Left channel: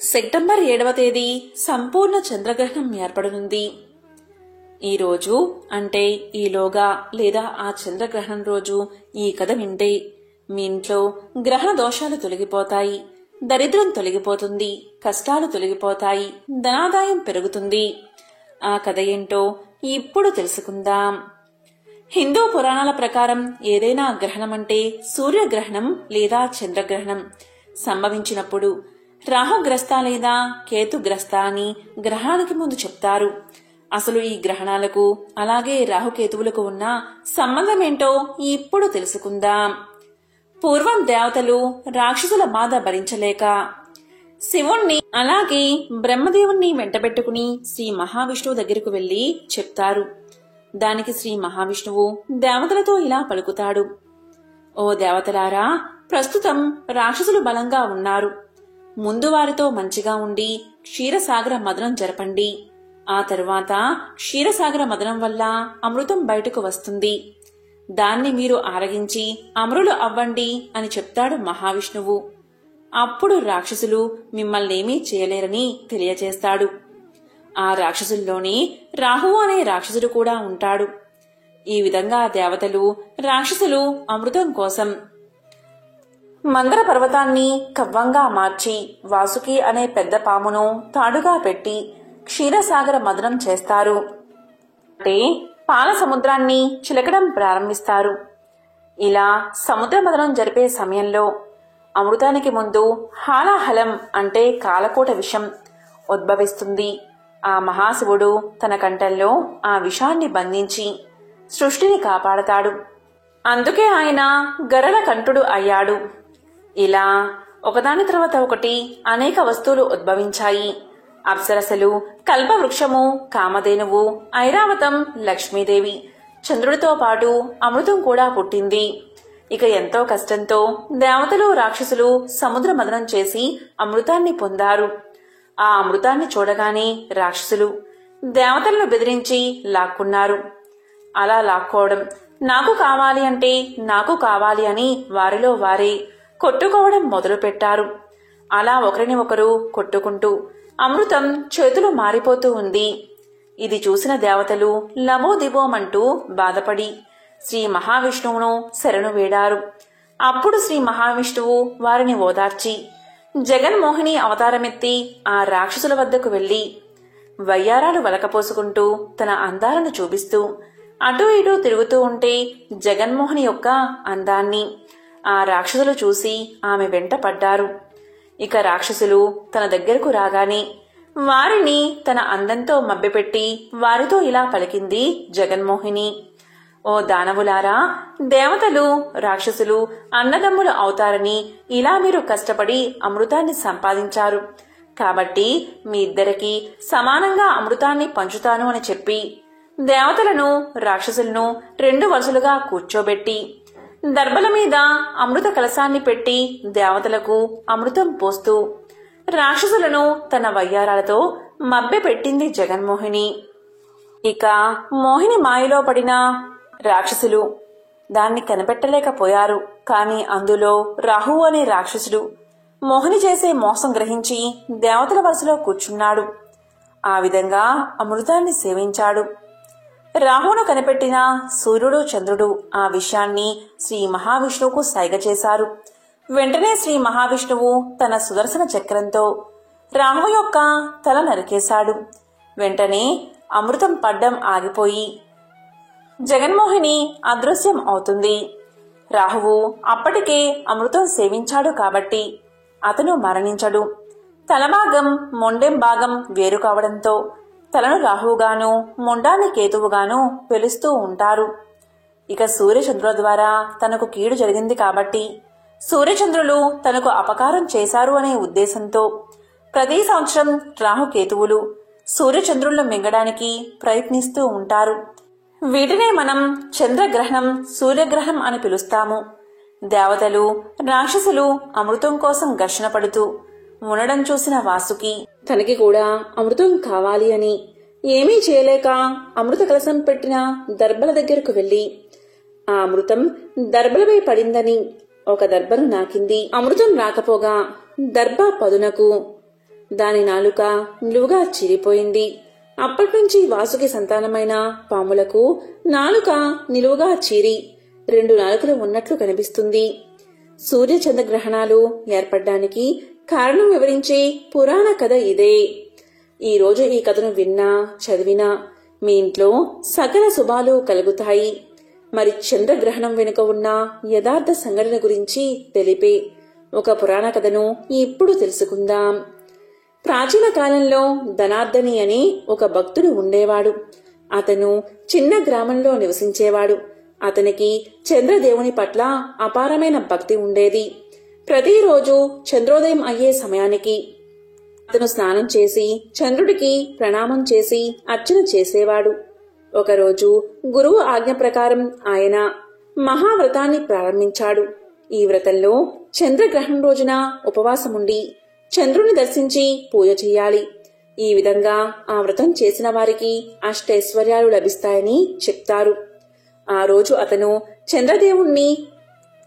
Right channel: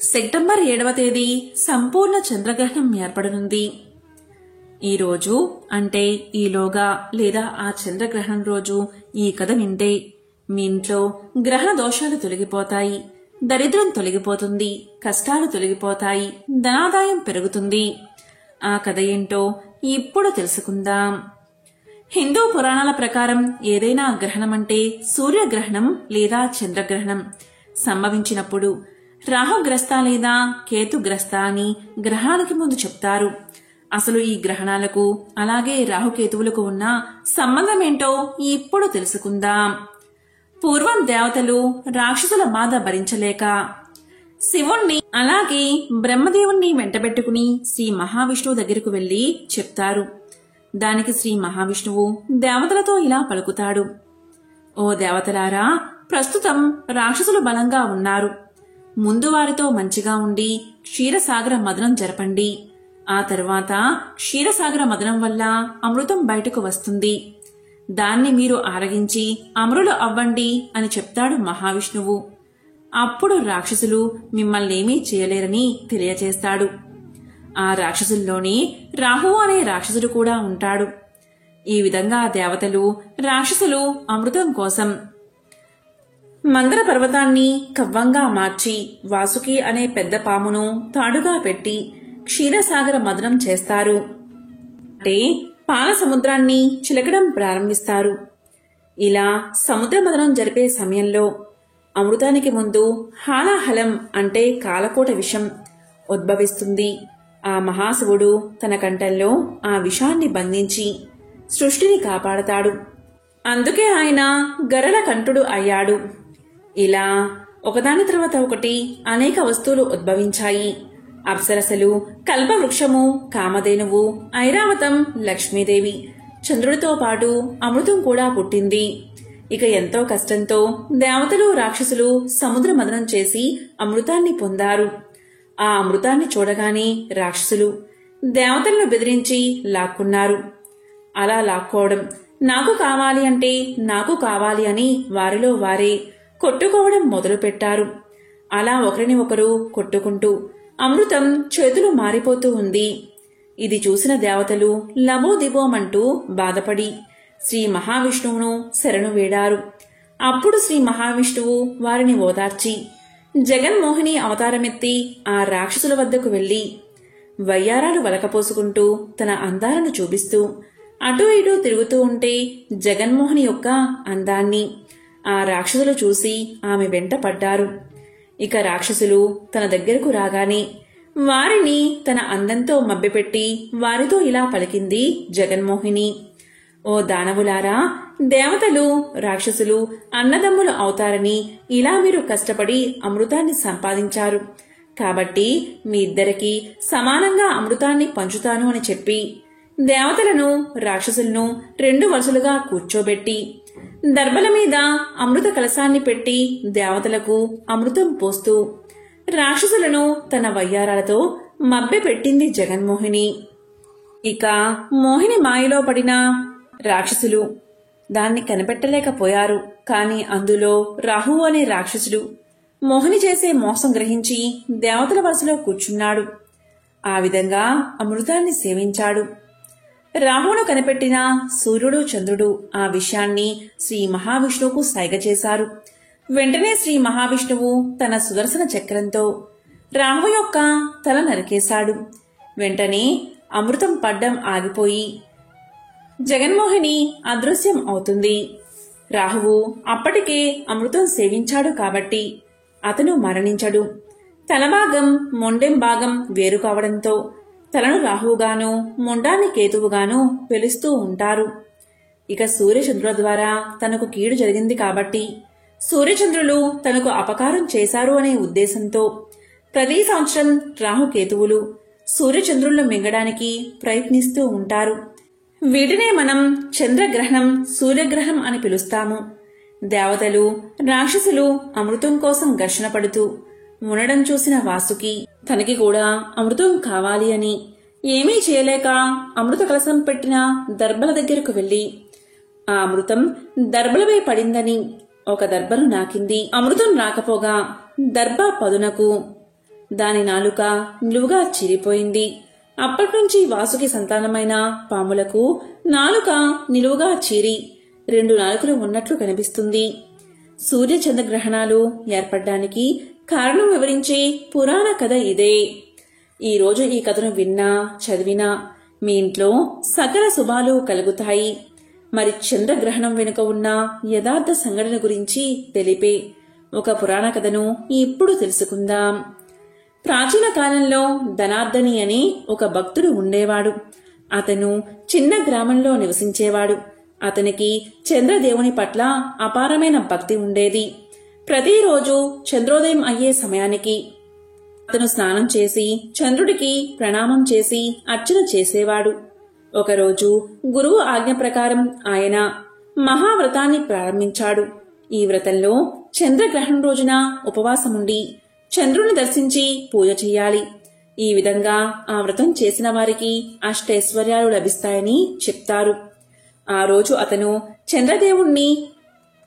September 7వ తేదీ సంపూర్ణ చంద్రగ్రహణం ఏర్పడనుంది. ఈ రోజు అంటే ఈలోగా లేదా ఆ చంద్రగ్రహణం రోజు ఈ కథ వింటే మీ ఇంట్లో గ్రహణ దోషాలు తొలగిపోతాయి, దరిద్రం తొలగిపోతుంది, కష్టాలు తొలగిపోతాయి, ధనాదాయం పెరుగుతుంది. ఆ కథ ఏంటో ఇప్పుడు తెలుసుకుందాం. హిందూ పురాణాల ప్రకారం ఏదైనా గ్రహణం అంటే సూర్యగ్రహణం లేదా చంద్రగ్రహణం సంభవించినప్పుడు రాహుగ్రస్త లేదా కేతుగ్రస్త అని గ్రహణానికి ముందు చెప్తారు. అసలు ఈ గ్రహణాలకు అలాగే రాహుకేతువులకు ఉన్న సంబంధం ఏంటో ఇప్పుడు తెలుసుకుందాం. పూర్వం దేవతలు రాక్షసుల బాధ భరించలేక శివుణ్ణి అలాగే బ్రహ్మదేవుణ్ణి వెంటబెట్టుకుని శ్రీ మహావిష్ణువు దగ్గరకు వెళ్లి చెప్తారు. దానికి శ్రీ మహావిష్ణువు దేవతలతో ఇలా పలుకుతాడు. ఓ దేవతలారా, ప్రస్తుతం రాక్షసులు బలంగా ఉన్నారు. ముందు వారితో మంచిగా ఉండి క్షీరసాగర మదనం జరపండి. ఆ తరువాత క్షీరసాగర మదనం వల్ల అమృతం బయటకు వస్తుంది. దాన్ని మీరు ఆరగించి అమరులు అవ్వండి అని చెప్తాడు మహావిష్ణువు. అప్పుడు రాక్షసులు మిమ్మల్నేమీ చేయలేరని తెలియజేస్తాడు. ఆ రాక్షసుల్లోనే రాహువు అనే రాక్షసుడు కూడా ఉంటాడు. ఈ విధంగా దేవతలు రాక్షసులు అమృతం కోసం మందర పర్వతాన్ని కవ్వంగా మార్చి వాసుకి అనే పెద్ద పామును తాడుగా పెట్టి క్షీరసాగర మదనం చేస్తారు. అంటే పాల సముద్రాన్ని చిలకడం ప్రారంభిస్తారు. ఇలా సముద్ర మదనం జరిపే సమయంలో అమృతానికి ముందు హాలాహలం అంటే కాలకూట విషం ఉద్భవిస్తుంది. ఆ మహాశివుడు తన కంఠంలో ఆ విషాన్ని బంధించి సృష్టిని కాపాడతాడు. అందుకే ఆయన గరళ కంఠుడు అయ్యాడు. ఇలా ఒకదాని తర్వాత ఒకటి అనేక వస్తువులు ఉద్భవించాయి. అప్సరసలు, కల్పవృక్షము, కామధేనువు, ఐరావతం, లక్ష్మీదేవి, చంద్రుడితో పాటు అమృతం కూడా పుట్టింది. ఇక ఎంతో కష్టంతో దేవతలు రాక్షసులు సముద్ర మదనం చేసి అమృతాన్ని పొందారు. ఆ అమృతాన్ని చూడగానే రాక్షసులు దేవతలను బెదిరించి లాక్కున్నారు. అలా లాక్కోవడం, నాకు కావాలి అంటే నాకు కావాలి అని వారిలో వారే కొట్టుకోవడం మొదలుపెట్టారు. అలా ఒకరిని ఒకరు కొట్టుకుంటూ అమృతం చేతులు మారిపోతూ ఉంది. ఇది చూసిన దేవతలు లబోదిబోమంటూ బాధపడి శ్రీ మహావిష్ణువును శరణు వేడారు. అప్పుడు శ్రీ మహావిష్ణువు వారిని ఓదార్చి జగన్మోహిని అవతారమెత్తి ఆ రాక్షసుల వద్దకు వెళ్లి వయ్యారాలు వలకపోసుకుంటూ తన అందాలను చూపిస్తూ అటూ ఇటూ తిరుగుతూ ఉంటే జగన్మోహిని యొక్క అందాన్ని ఆ రాక్షసులు చూసి ఆమె వెంట పడ్డారు. ఇక రాక్షసులు తన దగ్గరకు రాగానే వారిని తన అందంతో మభ్యపెట్టి వారితో ఇలా పలికింది జగన్మోహిని. ఓ దానవులారా, దేవతలు రాక్షసులు అన్నదమ్ములు అవుతారని ఇలా మీరు కష్టపడి అమృతాన్ని సంపాదించారు. కాబట్టి మీ ఇద్దరికీ సమానంగా అమృతాన్ని పంచుతాను అని చెప్పి దేవతలను రాక్షసులను 2 వరుసలుగా కూర్చోబెట్టి దర్భల మీద అమృత కలశాన్ని పెట్టి దేవతలకు అమృతం పోస్తూ రాక్షసులను తన వయ్యారాలతో మభ్యపెట్టింది జగన్మోహిని. ఇక మోహిని మాయలో పడిన రాక్షసులు దాన్ని కనిపెట్టలేకపోయారు. కాని అందులో రాహువు అనే రాక్షసుడు మోహిని చేసే మోసం గ్రహించి దేవతల వరుసలో కూర్చున్నాడు. ఆ విధంగా అమృతాన్ని సేవించాడు. రాహువును కనిపెట్టిన సూర్యుడు చంద్రుడు ఆ విషయాన్ని శ్రీ మహావిష్ణువుకు సైగ చేశారు. వెంటనే శ్రీ మహావిష్ణువు తన సుదర్శన చక్రంతో రాహువు యొక్క తల నరికేశాడు. వెంటనే అమృతం పడ్డం ఆగిపోయి జగన్మోహిని అదృశ్యం అవుతుంది. రాహువు అప్పటికే అమృతం సేవించాడు కాబట్టి అతను మరణించడు. తలభాగం మొండెం భాగం వేరు కావడంతో తలను రాహువుగాను మొండాన్ని కేతువుగాను పిలుస్తూ ఉంటారు. ఇక సూర్యచంద్రుల ద్వారా తనకు కీడు జరిగింది కాబట్టి సూర్యచంద్రులు తనకు అపకారం చేశారు అనే ఉద్దేశంతో ప్రతి సంవత్సరం రాహుకేతువులు సూర్యచంద్రులను మింగడానికి ప్రయత్నిస్తూ ఉంటారు. వీటినే మనం చంద్రగ్రహణం, సూర్యగ్రహణం అని పిలుస్తాము. దేవతలు రాక్షసులు అమృతం కోసం ఘర్షణ పడుతూ ఉండడం చూసిన వాసుకి తనకి కూడా అమృతం కావాలి అని ఏమీ చేయలేక అమృత కలశం పెట్టిన దర్భల దగ్గరకు వెళ్లి ఆ అమృతం దర్భలపై పడిందని ఒక దర్భను నాకింది. అమృతం రాకపోగా దర్భ పదునకు దాని నాలుక నిలువుగా చీరిపోయింది. అప్పటినుంచి వాసుకి సంతానమైన పాములకు నాలుక నిలువుగా చీరి 2 నాలుకలు ఉన్నట్లు కనిపిస్తుంది. సూర్య చంద్రగ్రహణాలు ఏర్పడడానికి కారణం వివరించే పురాణ కథ ఇదే. ఈ రోజు ఈ కథను విన్నా చదివినా మీ ఇంట్లో సకల శుభాలు కలుగుతాయి. మరి చంద్రగ్రహణం వెనుక ఉన్న యథార్థ సంఘటన గురించి తెలిపే ఒక పురాణ కథను ఇప్పుడు తెలుసుకుందాం. ప్రాచీన కాలంలో ధనార్దని అని ఒక భక్తుడు ఉండేవాడు. అతను చిన్న గ్రామంలో నివసించేవాడు. అతనికి చంద్రదేవుని పట్ల అపారమైన భక్తి ఉండేది. ప్రతిరోజు చంద్రోదయం అయ్యే సమయానికి అతను స్నానం చేసి చంద్రుడికి ప్రణామం చేసి అర్చన చేసేవాడు. ఒకరోజు గురువు ఆజ్ఞ ప్రకారం ఆయన మహావ్రతాన్ని ప్రారంభించాడు. ఈ వ్రతంలో చంద్రగ్రహణం రోజున ఉపవాసముండి చంద్రుని దర్శించి పూజ చెయ్యాలి. ఈ విధంగా ఆ వ్రతం చేసిన వారికి అష్టైశ్వర్యాలు లభిస్తాయని చెప్తారు. ఆ రోజు అతను చంద్రదేవుణ్ణి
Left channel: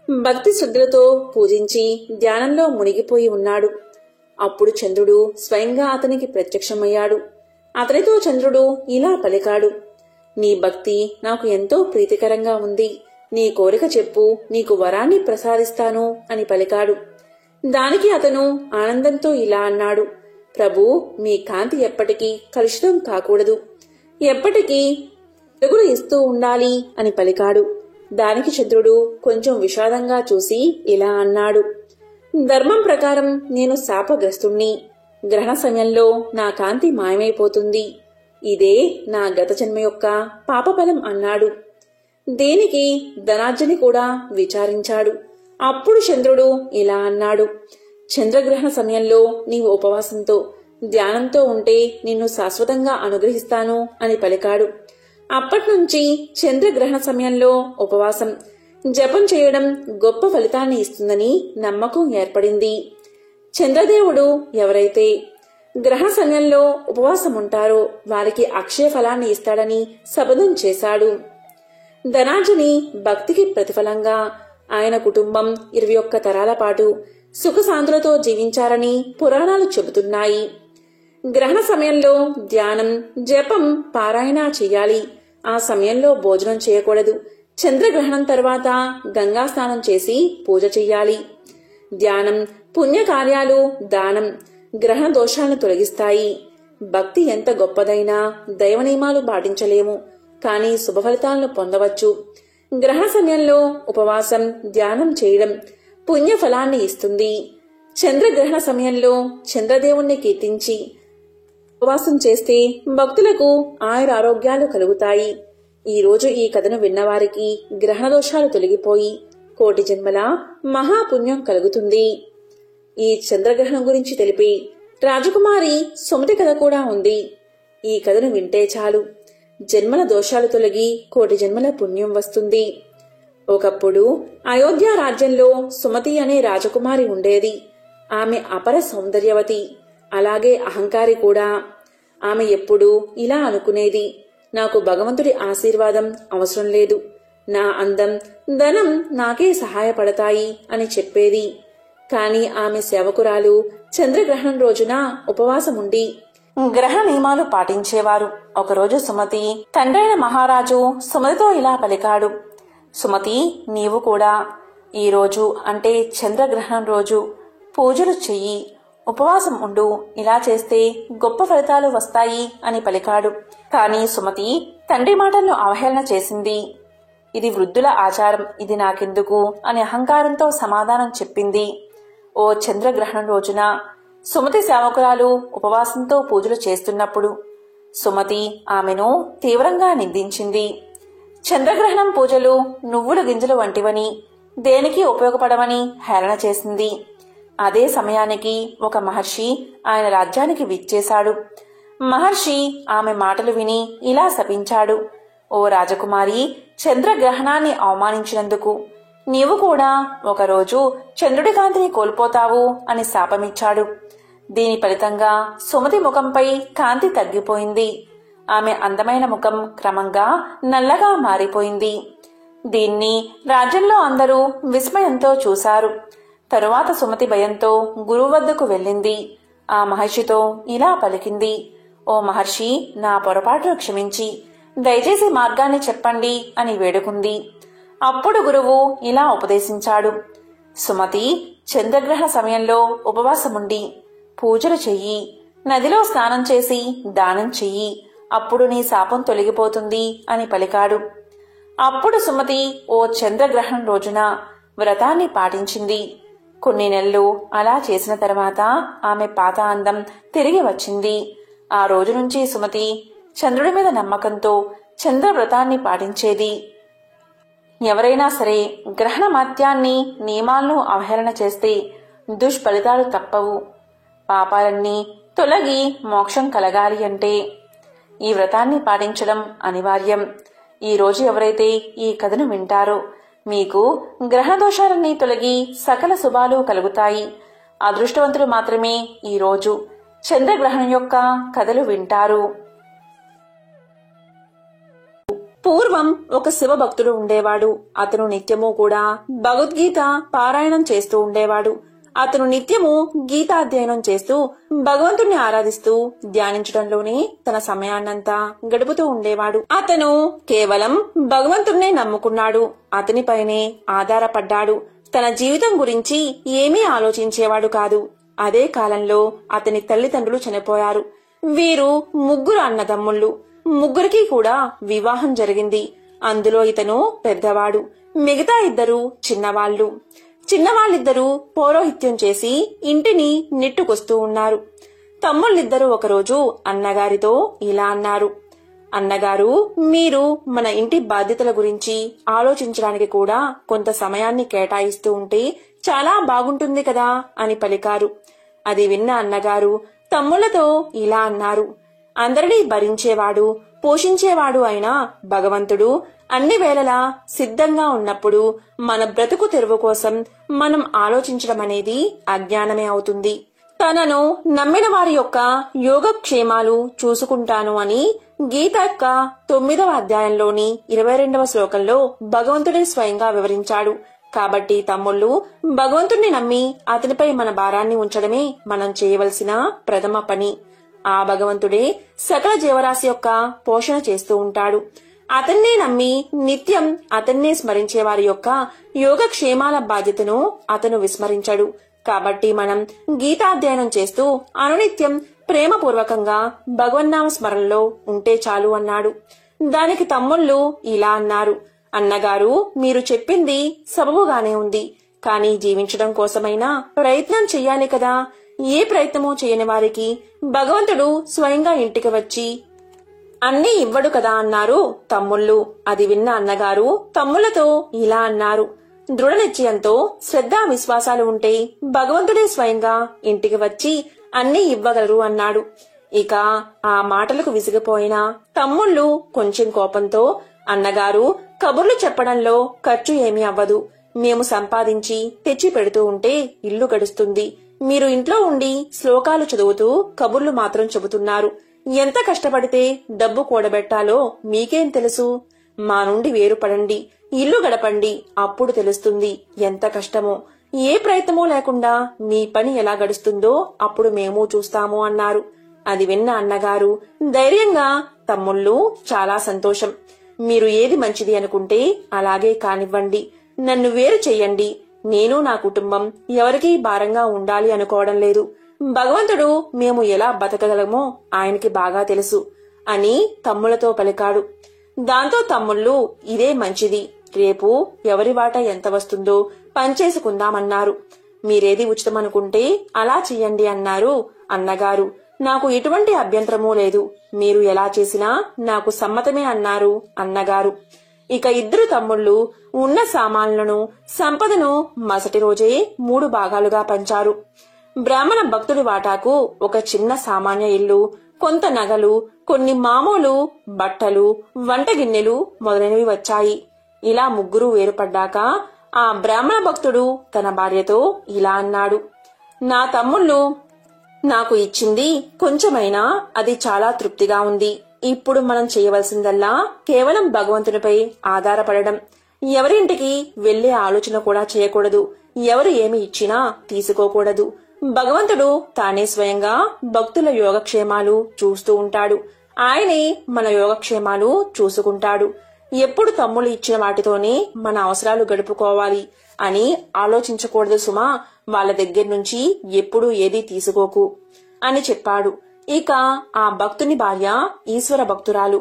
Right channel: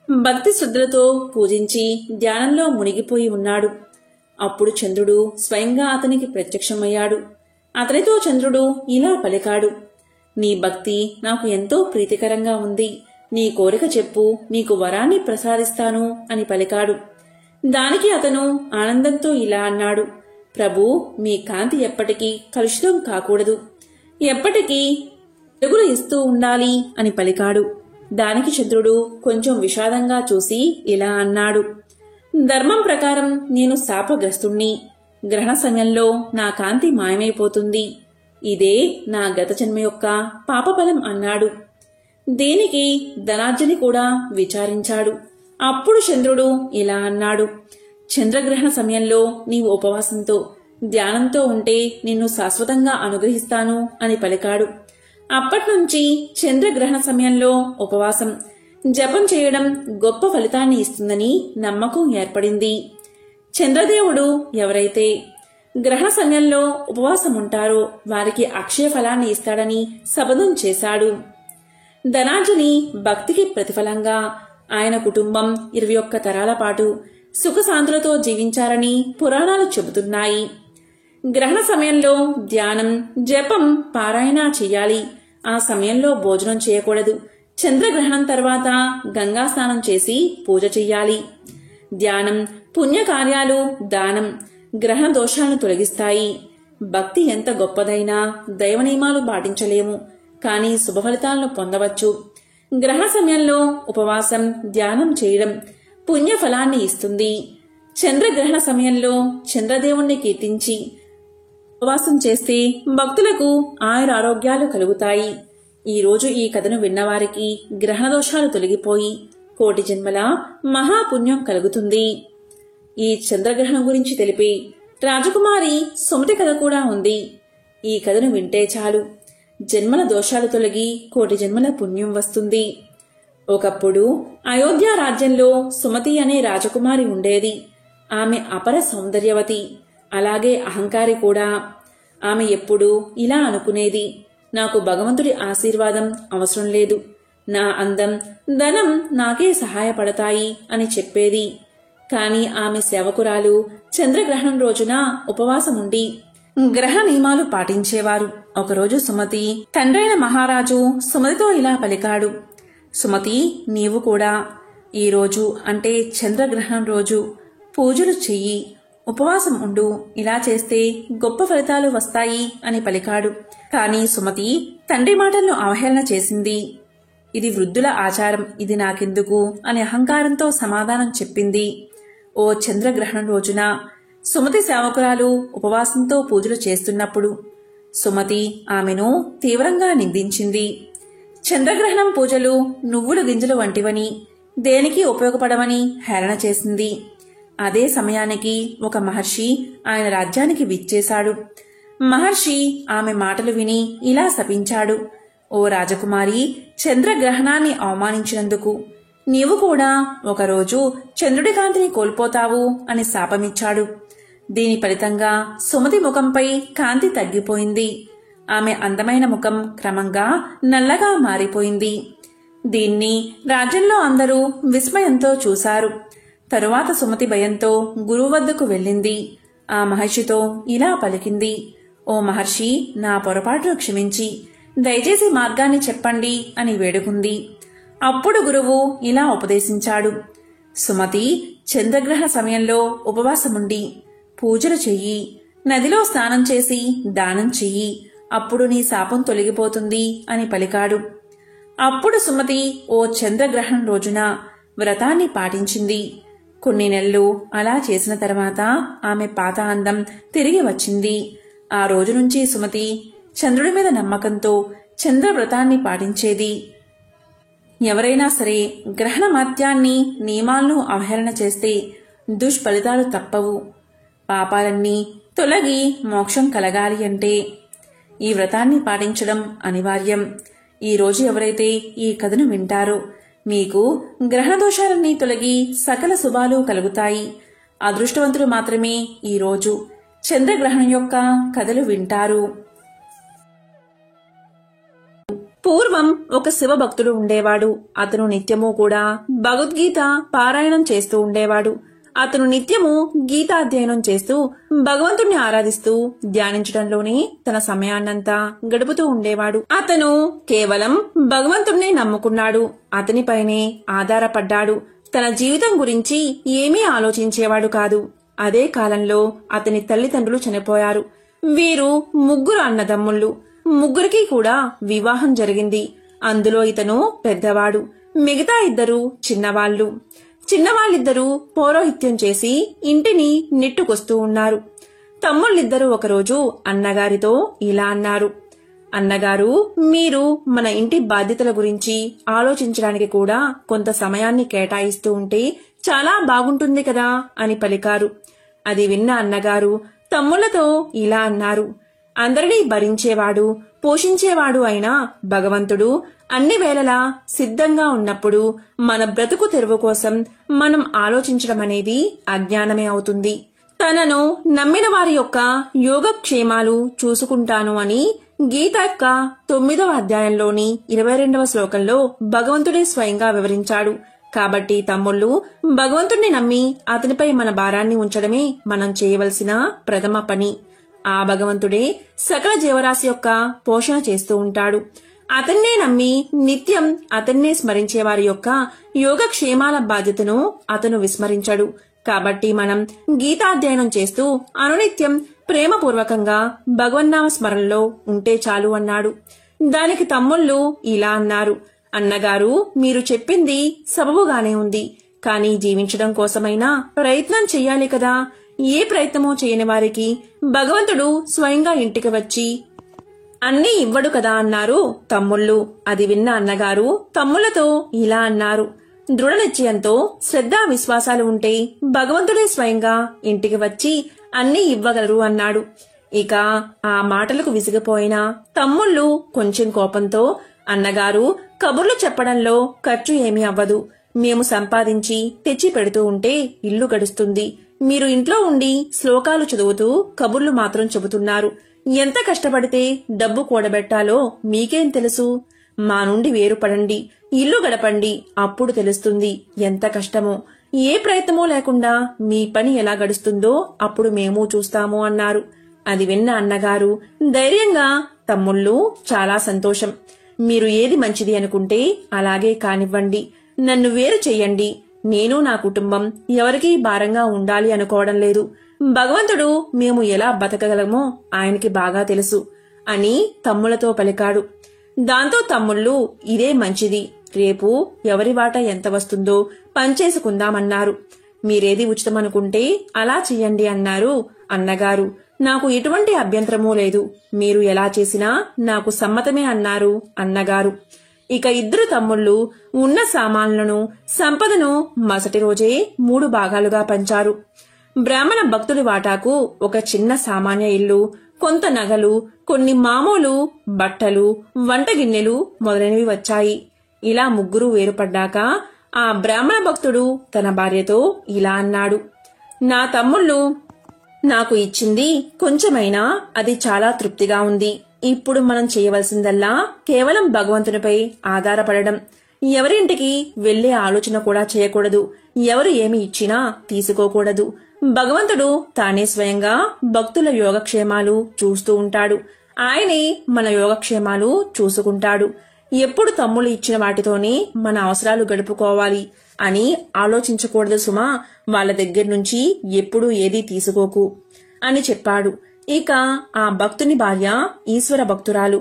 భక్తి శ్రద్ధలతో పూజించి ధ్యానంలో మునిగిపోయి ఉన్నాడు. అప్పుడు చంద్రుడు స్వయంగా అతనికి ప్రత్యక్షమయ్యాడు. అతనితో చంద్రుడు ఇలా పలికాడు, నీ భక్తి నాకు ఎంతో ప్రీతికరంగా ఉంది. నీ కోరిక చెప్పు, నీకు వరాన్ని ప్రసాదిస్తాను అని పలికాడు. దానికి అతను ఆనందంతో ఇలా అన్నాడు, ప్రభూ, మీ కాంతి ఎప్పటికీ కలుషితం కాకూడదు, ఎప్పటికీ వెలుగులు ఇస్తూ ఉండాలి అని పలికాడు. దానికి చంద్రుడు కొంచెం విషాదంగా చూసి ఇలా అన్నాడు, ధర్మం ప్రకారం నేను శాపగ్రస్తుణ్ణి. గ్రహణ సమయంలో నా కాంతి మాయమైపోతుంది. ఇదే నా గత జన్మ యొక్క పాపఫలం అన్నాడు. దీనికి ధనార్జని కూడా విచారించాడు. అప్పుడు చంద్రుడు ఇలా అన్నాడు, చంద్రగ్రహణ సమయంలో నీవు ఉపవాసంతో ధ్యానంతో ఉంటే నిన్ను శాశ్వతంగా అనుగ్రహిస్తాను అని పలికాడు. అప్పట్నుంచి చంద్రగ్రహణ సమయంలో ఉపవాసం జపం చేయడం గొప్ప ఫలితాన్ని ఇస్తుందని నమ్మకం ఏర్పడింది. చంద్రదేవుడు ఎవరైతే గ్రహణ సమయంలో ఉపవాసం ఉంటారో వారికి అక్షయ ఫలాన్ని ఇస్తాడని శపథం చేశాడు. ధనార్జని భక్తికి ప్రతిఫలంగా ఆయన కుటుంబం 21 తరాల పాటు సుఖశాంతులతో జీవించారని పురాణాలు చెబుతున్నాయి. గ్రహణ సమయంలో ధ్యానం, జపం, పారాయణ చెయ్యాలి. ఆ సమయంలో భోజనం చేయకూడదు. చంద్రగ్రహణం తర్వాత గంగా స్నానం చేసి పూజ చెయ్యాలి. ధ్యానం, పుణ్యకార్యాలు, దానం గ్రహణ దోషాలను తొలగిస్తాయి. భక్తి ఎంత గొప్పదైనా దైవ నియమాలు పాటించలేము, కానీ శుభ ఫలితాలను పొందవచ్చు. గ్రహణ సమయంలో ఉపవాసం, ధ్యానం చేయడం పుణ్య ఫలాన్ని ఇస్తుంది. చంద్రగ్రహణ సమయంలో చంద్రదేవుణ్ణి కీర్తించి ఉపవాసం చేస్తే భక్తులకు ఆయురారోగ్యాలు కలుగుతాయి. ఈ రోజు ఈ కథను విన్నవారికి గ్రహణ దోషాలు తొలగిపోయి కోటి జన్మల మహాపుణ్యం కలుగుతుంది. ఈ చంద్రగ్రహణం గురించి తెలిపి రాజకుమారి సుమతి కథ కూడా ఉంది. ఈ కథను వింటే చాలు జన్మల దోషాలు తొలగి కోటి జన్మల పుణ్యం వస్తుంది. ఒకప్పుడు అయోధ్య రాజ్యంలో సుమతి అనే రాజకుమారి ఉండేది. ఆమె అపర సౌందర్యవతి, అలాగే అహంకారి కూడా. ఆమె ఎప్పుడూ ఇలా అనుకునేది, నాకు భగవంతుడి ఆశీర్వాదం అవసరం లేదు, నా అందం, ధనం నాకే సహాయపడతాయి అని చెప్పేది. కాని ఆమె సేవకురాలు చంద్రగ్రహణం రోజున ఉపవాసముండి గ్రహ నియమాలు పాటించేవారు. ఒకరోజు సుమతి తండ్రైన మహారాజు సుమతితో ఇలా పలికాడు, సుమతి, నీవు కూడా ఈ రోజు అంటే చంద్రగ్రహణం రోజు పూజలు చెయ్యి, ఉపవాసం ఉండు. ఇలా చేస్తే గొప్ప ఫలితాలు వస్తాయి అని పలికాడు. కాని సుమతి తండ్రి మాటలను అవహేళన చేసింది. ఇది వృద్ధుల ఆచారం, ఇది నాకెందుకు అని అహంకారంతో సమాధానం చెప్పింది. ఓ చంద్రగ్రహణం రోజున సుమతి సేవకురాలు ఉపవాసంతో పూజలు చేస్తున్నప్పుడు సుమతి ఆమెను తీవ్రంగా నిందించింది. చంద్రగ్రహణం పూజలు నువ్వుల గింజలు వంటివని, దేనికి ఉపయోగపడమని హేళన చేసింది. అదే సమయానికి ఒక మహర్షి ఆయన రాజ్యానికి విచ్చేశాడు. మహర్షి ఆమె మాటలు విని ఇలా శపించాడు, ఓ రాజకుమారి, చంద్రగ్రహణాన్ని అవమానించినందుకు నీవు కూడా ఒకరోజు చంద్రుడి కాంతిని కోల్పోతావు అని శాపమిచ్చాడు. దీని ఫలితంగా సుమతి ముఖంపై కాంతి తగ్గిపోయింది. ఆమె అందమైన ముఖం క్రమంగా నల్లగా మారిపోయింది. దీన్ని రాజ్యంలో అందరూ విస్మయంతో చూశారు. తరువాత సుమతి భయంతో గురువు వద్దకు వెళ్ళింది. ఆ మహర్షితో ఇలా పలికింది. ఓ మహర్షి, నా పొరపాటును క్షమించి దయచేసి మార్గాన్ని చెప్పండి అని వేడుకుంది. అప్పుడు గురువు ఇలా ఉపదేశించాడు. సుమతి, చంద్రగ్రహణ సమయంలో ఉపవాసముండి పూజలు చెయ్యి, నదిలో స్నానం చేసి దానం చెయ్యి, అప్పుడు నీ శాపం తొలగిపోతుంది అని పలికాడు. అప్పుడు సుమతి ఓ చంద్రగ్రహణం రోజున వ్రతాన్ని పాటించింది. కొన్ని నెలలు అలా చేసిన తర్వాత ఆమె పాత అందం తిరిగి వచ్చింది. ఆ రోజు నుంచి సుమతి చంద్రుడి మీద నమ్మకంతో చంద్రవ్రతాన్ని పాటించేది. ఎవరైనా సరే గ్రహణ మత్యాన్ని నియమాలను అవహేళన చేస్తే దుష్ఫలితాలు తప్పవు. పాపాలన్నీ తొలగి మోక్షం కలగాలి అంటే ఈ వ్రతాన్ని పాటించడం అనివార్యం. ఈ రోజు ఎవరైతే ఈ కథను వింటారో మీకు గ్రహణ దోషాలన్నీ తొలగి సకల శుభాలు కలుగుతాయి. అదృష్టవంతులు మాత్రమే ఈ రోజు చంద్రగ్రహణం యొక్క కథలు వింటారు. పూర్వం ఒక శివభక్తుడు ఉండేవాడు. అతను నిత్యము కూడా భగవద్గీత పారాయణం చేస్తూ ఉండేవాడు. అతను నిత్యము గీతాధ్యయనం చేస్తూ భగవంతుణ్ణి ఆరాధిస్తూ ధ్యానించడంలోనే తన సమయాన్నంతా గడుపుతూ ఉండేవాడు. అతను కేవలం భగవంతుణ్ణే నమ్ముకున్నాడు. అతనిపైనే ఆధారపడ్డాడు. తన జీవితం గురించి ఏమీ ఆలోచించేవాడు కాదు. అదే కాలంలో అతని తల్లిదండ్రులు చనిపోయారు. వీరు 3 అన్నదమ్ముళ్ళు. 3కి కూడా వివాహం జరిగింది. అందులో ఇతను పెద్దవాడు. మిగతా 2 చిన్నవాళ్లు. చిన్నవాళ్ళిద్దరూ పౌరోహిత్యం చేసి ఇంటిని నెట్టుకొస్తూ ఉన్నారు. తమ్ముళ్ళిద్దరూ ఒకరోజు అన్నగారితో ఇలా అన్నారు. అన్నగారు, మీరు మన ఇంటి బాధ్యతల గురించి ఆలోచించడానికి కూడా కొంత సమయాన్ని కేటాయిస్తూ ఉంటే చాలా బాగుంటుంది కదా అని పలికారు. అది విన్న అన్నగారు తమ్ముళ్లతో ఇలా అన్నారు. అందరినీ భరించేవాడు, పోషించేవాడు అయిన భగవంతుడు అన్ని వేళలా సిద్ధంగా ఉన్నప్పుడు మన బ్రతుకు తెరువు కోసం మనం ఆలోచించడం అనేది అజ్ఞానమే అవుతుంది. తనను నమ్మిన వారి యొక్క యోగక్షేమాలు చూసుకుంటాను అని గీత యొక్క 9వ అధ్యాయంలోని 22వ శ్లోకంలో భగవంతుడే స్వయంగా వివరించాడు. కాబట్టి తమ్ముళ్ళు, భగవంతుణ్ణి నమ్మి అతనిపై మన భారాన్ని ఉంచడమే మనం చేయవలసిన ప్రథమ పని. ఆ భగవంతుడే సకల జీవరాశి యొక్క పోషణ చేస్తూ ఉంటాడు. అతన్నే నమ్మి నిత్యం అతన్నే స్మరించే వారి యొక్క యోగక్షేమాల బాధ్యతను అతను విస్మరించడు. కాబట్టి మనం గీతాధ్యయనం చేస్తూ అనునిత్యం ప్రేమపూర్వకంగా భగవన్నామ స్మరణలో ఉంటే చాలు అన్నాడు. దానికి తమ్ముళ్ళు ఇలా అన్నారు. అన్నగారు, మీరు చెప్పింది సబబుగానే ఉంది. కానీ జీవించడం కోసమైనా ప్రయత్నం చెయ్యాలి కదా. ఏ ప్రయత్నమూ చేయని వారికి భగవంతుడు స్వయంగా ఇంటికి వచ్చి అన్నీ ఇవ్వడు కదా అన్నారు తమ్ముళ్ళు. అది విన్న అన్నగారు తమ్ముళ్లతో ఇలా అన్నారు. దృఢ నిశ్చయంతో శ్రద్ధా విశ్వాసాలు ఉంటే భగవంతుడే స్వయంగా ఇంటికి వచ్చి అన్నీ ఇవ్వగలరు అన్నాడు. ఇక ఆ మాటలకు విసిగిపోయిన తమ్ముళ్ళు కొంచెం కోపంతో, అన్నగారు, కబుర్లు చెప్పడంలో ఖర్చు ఏమీ అవ్వదు. మేము సంపాదించి తెచ్చి పెడుతూ ఉంటే ఇల్లు గడుస్తుంది. మీరు ఇంట్లో ఉండి శ్లోకాలు చదువుతూ కబుర్లు మాత్రం చెబుతున్నారు. ఎంత కష్టపడితే డబ్బు కూడబెట్టాలో మీకేం తెలుసు? మా నుండి వేరుపడండి, ఇల్లు గడపండి, అప్పుడు తెలుస్తుంది ఎంత కష్టమో. ఏ ప్రయత్నమూ లేకుండా మీ పని ఎలా గడుస్తుందో అప్పుడు మేము చూస్తాము అన్నారు. అది విన్న అన్నగారు ధైర్యంగా, తమ్ముళ్ళు, చాలా సంతోషం. మీరు ఏది మంచిది అనుకుంటే అలాగే కానివ్వండి. నన్ను వేరు చెయ్యండి. నేను నా కుటుంబం ఎవరికీ భారంగా ఉండాలి అనుకోవడం లేదు. భగవంతుడు మేము ఎలా బతకగలమో ఆయనకి బాగా తెలుసు అని తమ్ముళ్లతో పలికాడు. దాంతో తమ్ముళ్ళు, ఇదే మంచిది. రేపు ఎవరి వాటా ఎంత వస్తుందో పంచేసుకుందామన్నారు. మీరేది ఉచితమనుకుంటే అలా చెయ్యండి అన్నారు అన్నగారు. నాకు ఎటువంటి అభ్యంతరమూ లేదు. మీరు ఎలా చేసినా నాకు సమ్మతమే అన్నారు అన్నగారు. ఇక 2 తమ్ముళ్ళు ఉన్న సామాన్లను, సంపదను మరుసటి రోజే 3 భాగాలుగా పంచారు. బ్రాహ్మణ భక్తుడి వాటాకు ఒక చిన్న సామాన్య ఇల్లు, కొంత నగలు, కొన్ని మామూలు బట్టలు, వంటగిన్నెలు మొదలైనవి వచ్చాయి. ఇలా 3 వేరుపడ్డాక ఆ బ్రాహ్మణ భక్తుడు తన భార్యతో ఇలా అన్నాడు. నా తమ్ముళ్ళు నాకు ఇచ్చింది కొంచెమైనా అది చాలా తృప్తిగా ఉంది. ఇప్పుడు మనం చేయవలసిందల్లా కేవలం భగవంతునిపై ఆధారపడడం. ఎవరింటికి వెళ్లే ఆలోచన కూడా చేయకూడదు. ఎవరు ఏమి ఇచ్చినా తీసుకోకూడదు. భగవంతుడు తానే స్వయంగా భక్తుల యోగక్షేమాలు చూస్తూ ఉంటాడు. ఆయనే మన యోగక్షేమాలు చూసుకుంటాడు. ఎప్పుడు తమ్ముళ్ళు ఇచ్చిన వాటితోనే మన అవసరాలు గడుపుకోవాలి అని ఆలోచించకూడదు సుమా. వాళ్ళ దగ్గర నుంచి ఎప్పుడూ ఏదీ తీసుకోకు అని చెప్పాడు. ఇక ఆ భక్తుని భార్య ఈశ్వర భక్తురాలు.